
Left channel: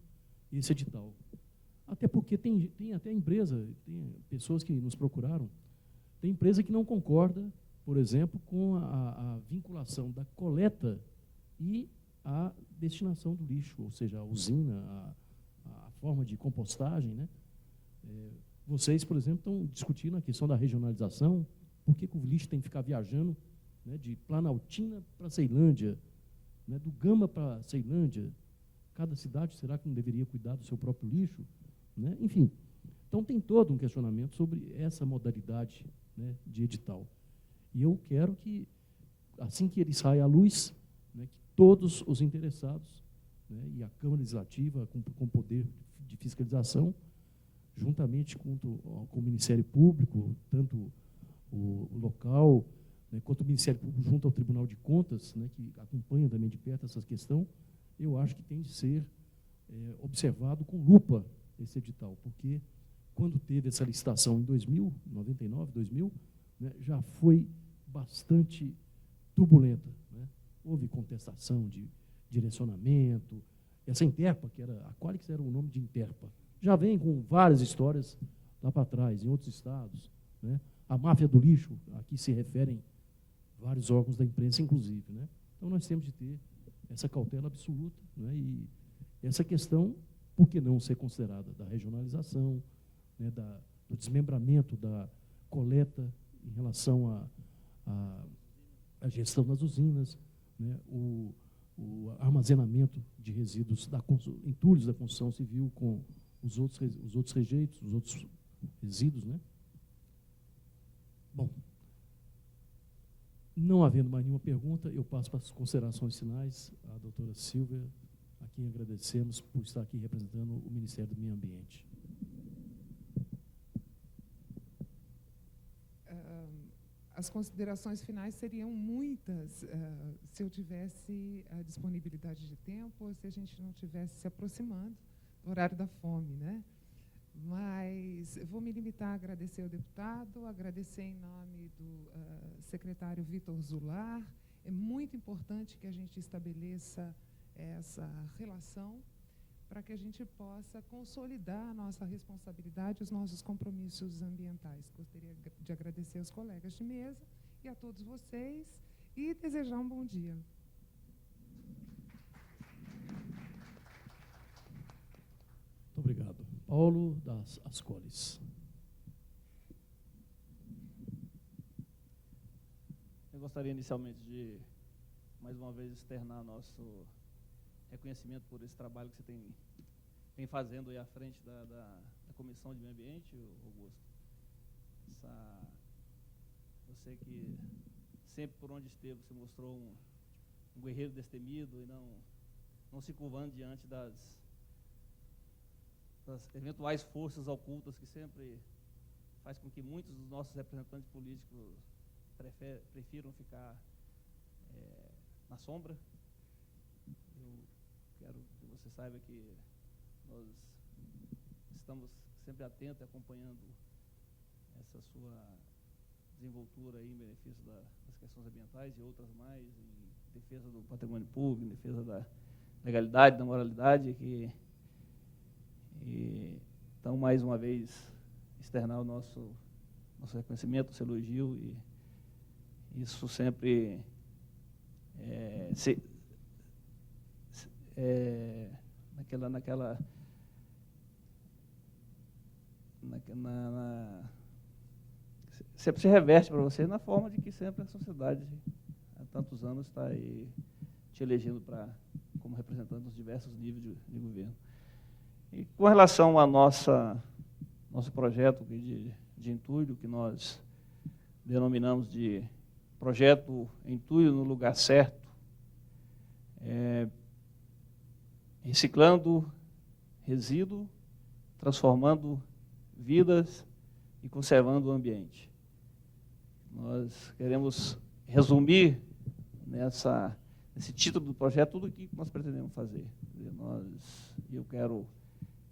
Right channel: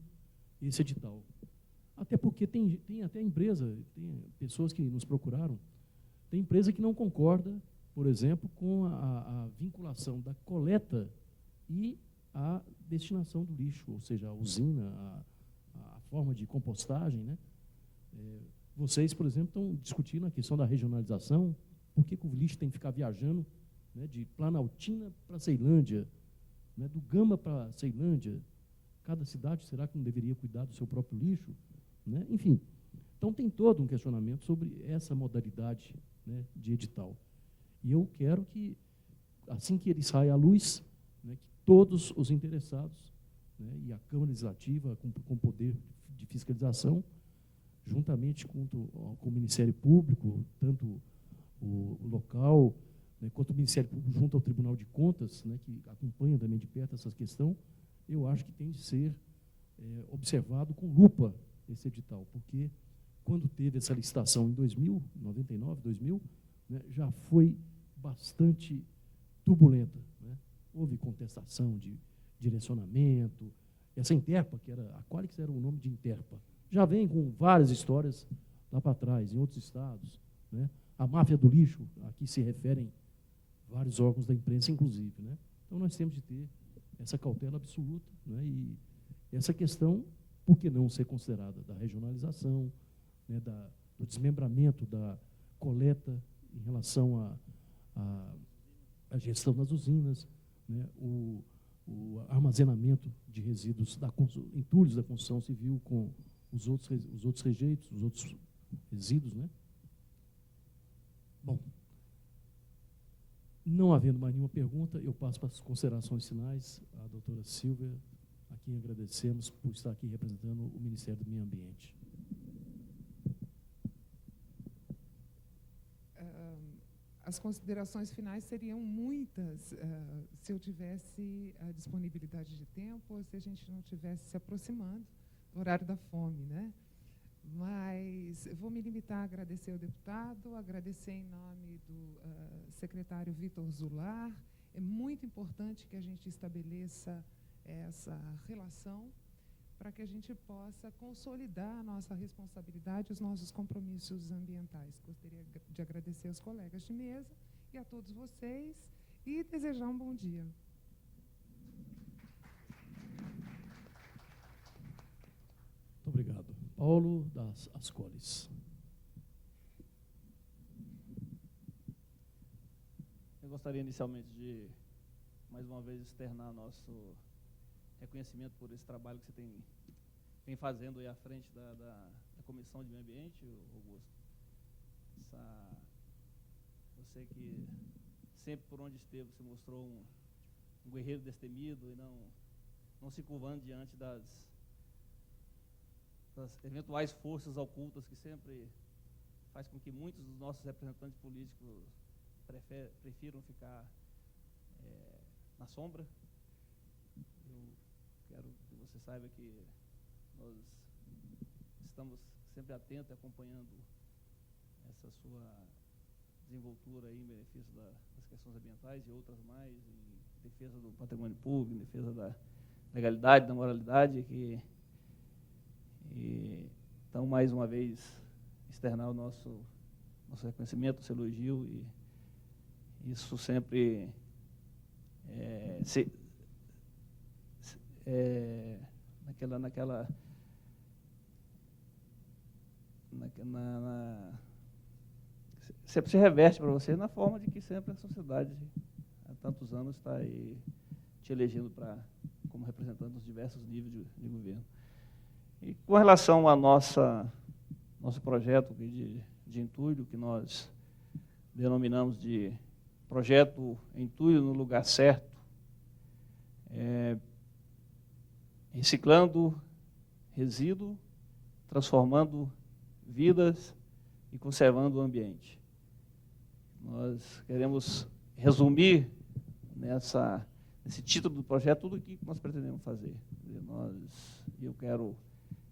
esse edital. Até porque tem até empresa, tem pessoas que nos procuraram, tem empresa que não concorda, por exemplo, com a vinculação da coleta e a destinação do lixo, ou seja, a usina, a forma de compostagem, né? Vocês, por exemplo, estão discutindo a questão da regionalização, por que o lixo tem que ficar viajando, né, de Planaltina para Ceilândia, né, do Gama para Ceilândia. Cada cidade, será que não deveria cuidar do seu próprio lixo? Né? Enfim, então tem todo um questionamento sobre essa modalidade, né, de edital. E eu quero que, assim que ele saia à luz, né, que todos os interessados, né, e a Câmara Legislativa, com o poder de fiscalização, juntamente com o Ministério Público, tanto o local, né, quanto o Ministério Público junto ao Tribunal de Contas, né, que acompanha também de perto essa questão, eu acho que tem que ser observado com lupa esse edital, porque quando teve essa licitação em 2000, 99, 2000, né, já foi bastante turbulenta. Né? Houve contestação de direcionamento, essa Interpa, que era, qual era o nome de Interpa? Já vem com várias histórias lá para trás, em outros estados. Né? A máfia do lixo, a que se referem vários órgãos da imprensa, inclusive. Né? Então, nós temos de ter essa cautela absoluta. Né? E essa questão, por que não ser considerada a regionalização, né, do desmembramento, da coleta em relação à gestão das usinas, né, o armazenamento de resíduos em turnos da construção civil com os outros rejeitos, os outros resíduos. Né? Bom, não havendo mais nenhuma pergunta, eu passo para as considerações finais à doutora Silvia, a quem agradecemos por estar aqui representando o Ministério do Meio Ambiente. As considerações finais seriam muitas se eu tivesse a disponibilidade de tempo ou se a gente não estivesse se aproximando do horário da fome, né? Mas vou me limitar a agradecer ao deputado, agradecer em nome do secretário Vitor Zular. É muito importante que a gente estabeleça essa relação para que a gente possa consolidar a nossa responsabilidade, os nossos compromissos ambientais. Gostaria de agradecer aos colegas de mesa e a todos vocês e desejar um bom dia. Muito obrigado. Paulo das Ascores. Eu gostaria inicialmente de, mais uma vez, externar nosso reconhecimento por esse trabalho que você vem fazendo aí à frente da Comissão de Meio Ambiente. Eu sei que sempre por onde esteve você mostrou um guerreiro destemido e não se curvando diante das eventuais forças ocultas que sempre faz com que muitos dos nossos representantes políticos prefiram ficar na sombra. Eu quero que você saiba que nós estamos sempre atentos, acompanhando essa sua desenvoltura aí, em benefício das questões ambientais e outras mais, em defesa do patrimônio público, em defesa da legalidade, da moralidade. Então, mais uma vez, externar o nosso reconhecimento, seu elogio, e isso sempre sempre se reveste para você na forma que sempre a sociedade, há tantos anos, está aí te elegendo como representante dos diversos níveis de governo. E com relação ao nosso projeto de entulho, que nós denominamos de projeto Entulho no Lugar Certo, reciclando resíduo, transformando vidas e conservando o ambiente. Nós queremos resumir nesse título do projeto tudo o que nós pretendemos fazer. Eu quero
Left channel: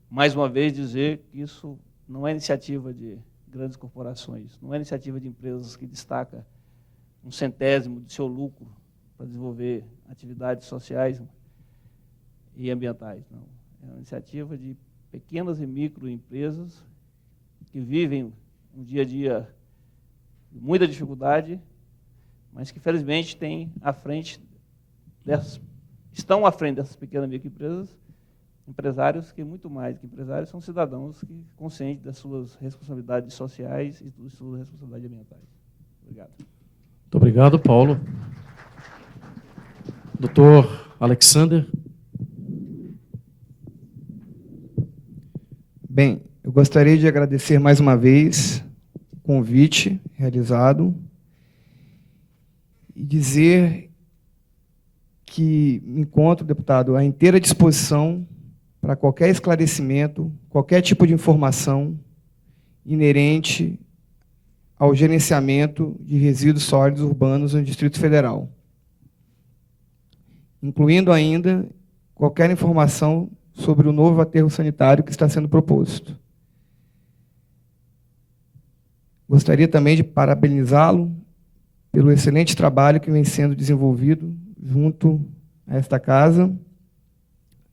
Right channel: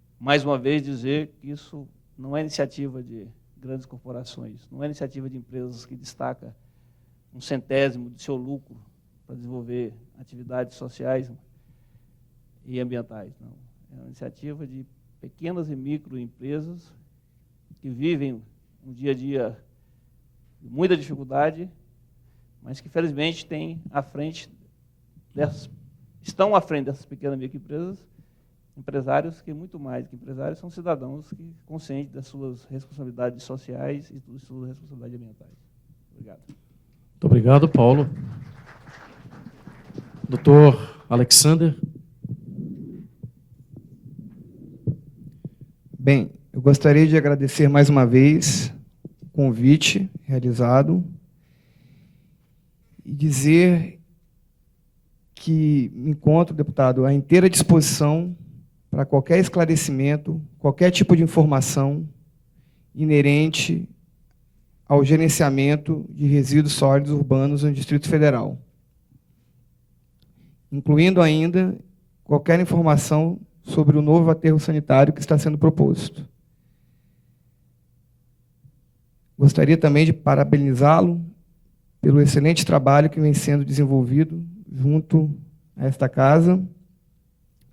mais uma vez dizer que isso não é iniciativa de grandes corporações, não é iniciativa de empresas que destacam um centésimo do seu lucro para desenvolver atividades sociais e ambientais. Não. É uma iniciativa de pequenas e microempresas que vivem um dia a dia de muita dificuldade, mas que felizmente têm estão à frente dessas pequenas e microempresas empresários que muito mais. Empresários são cidadãos conscientes das suas responsabilidades sociais e das suas responsabilidades ambientais. Obrigado. Muito obrigado, Paulo. Doutor Alexander. Bem, eu gostaria de agradecer mais uma vez o convite realizado e dizer que me encontro, deputado, à inteira disposição para qualquer esclarecimento, qualquer tipo de informação inerente ao gerenciamento de resíduos sólidos urbanos no Distrito Federal, incluindo ainda qualquer informação sobre o novo aterro sanitário que está sendo proposto. Gostaria também de parabenizá-lo pelo excelente trabalho que vem sendo desenvolvido junto a esta casa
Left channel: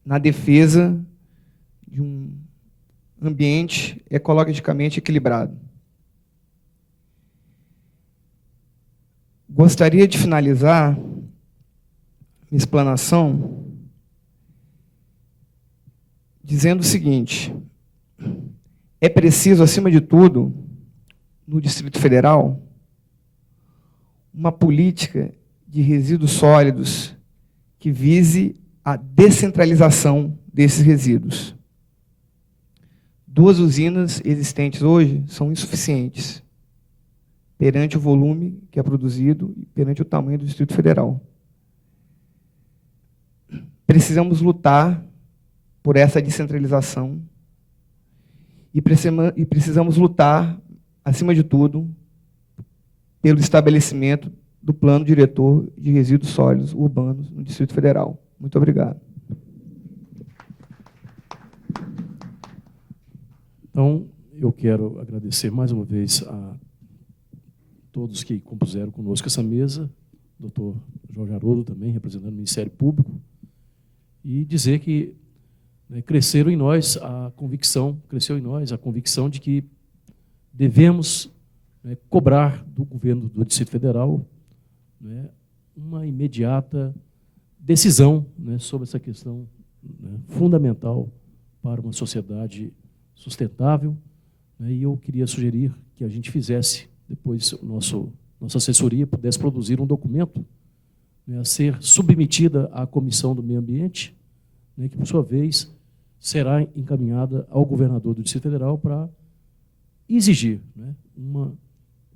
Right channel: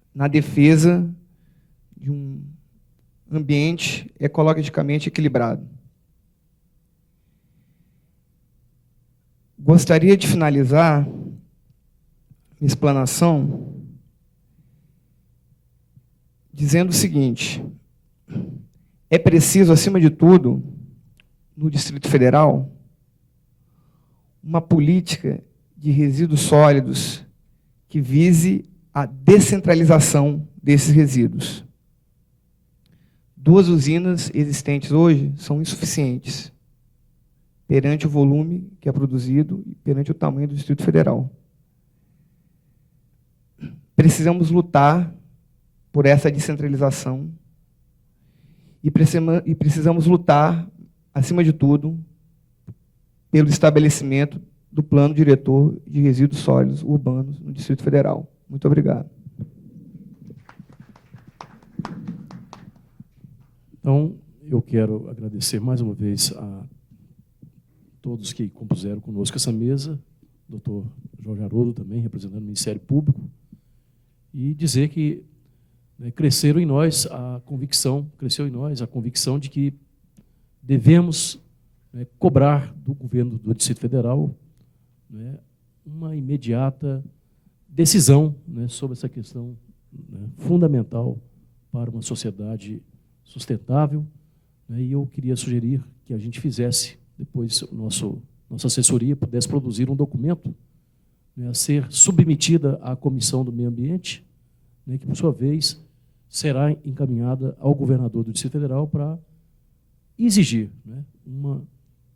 na defesa de um ambiente ecologicamente equilibrado. Gostaria de finalizar explanação dizendo o seguinte: é preciso, acima de tudo, no Distrito Federal, uma política de resíduos sólidos que vise a descentralização desses resíduos. 2 usinas existentes hoje são insuficientes perante o volume que é produzido e perante o tamanho do Distrito Federal. Precisamos lutar por essa descentralização e precisamos lutar, acima de tudo, pelo estabelecimento do Plano Diretor de Resíduos Sólidos Urbanos do Distrito Federal. Muito obrigado. Então, eu quero agradecer mais uma vez a todos que compuseram conosco essa mesa, doutor Jorge Haroldo, também representando o Ministério Público, e dizer que cresceu em nós a convicção de que devemos cobrar do governo do Distrito Federal uma imediata decisão sobre essa questão fundamental para uma sociedade sustentável. E eu queria sugerir que a gente fizesse, depois, nossa assessoria pudesse produzir um documento a ser submetida à Comissão do Meio Ambiente, que, por sua vez, será encaminhada ao governador do Distrito Federal para exigir uma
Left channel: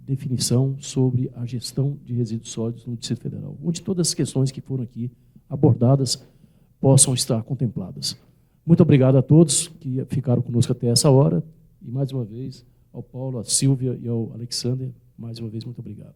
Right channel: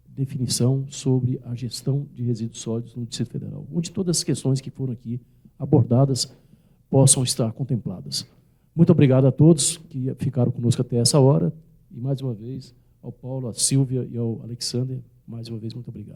definição sobre a gestão de resíduos sólidos no Distrito Federal, onde todas as questões que foram aqui abordadas possam estar contempladas. Muito obrigado a todos que ficaram conosco até essa hora. E, mais uma vez, ao Paulo, à Silvia e ao Alexandre, mais uma vez, muito obrigado.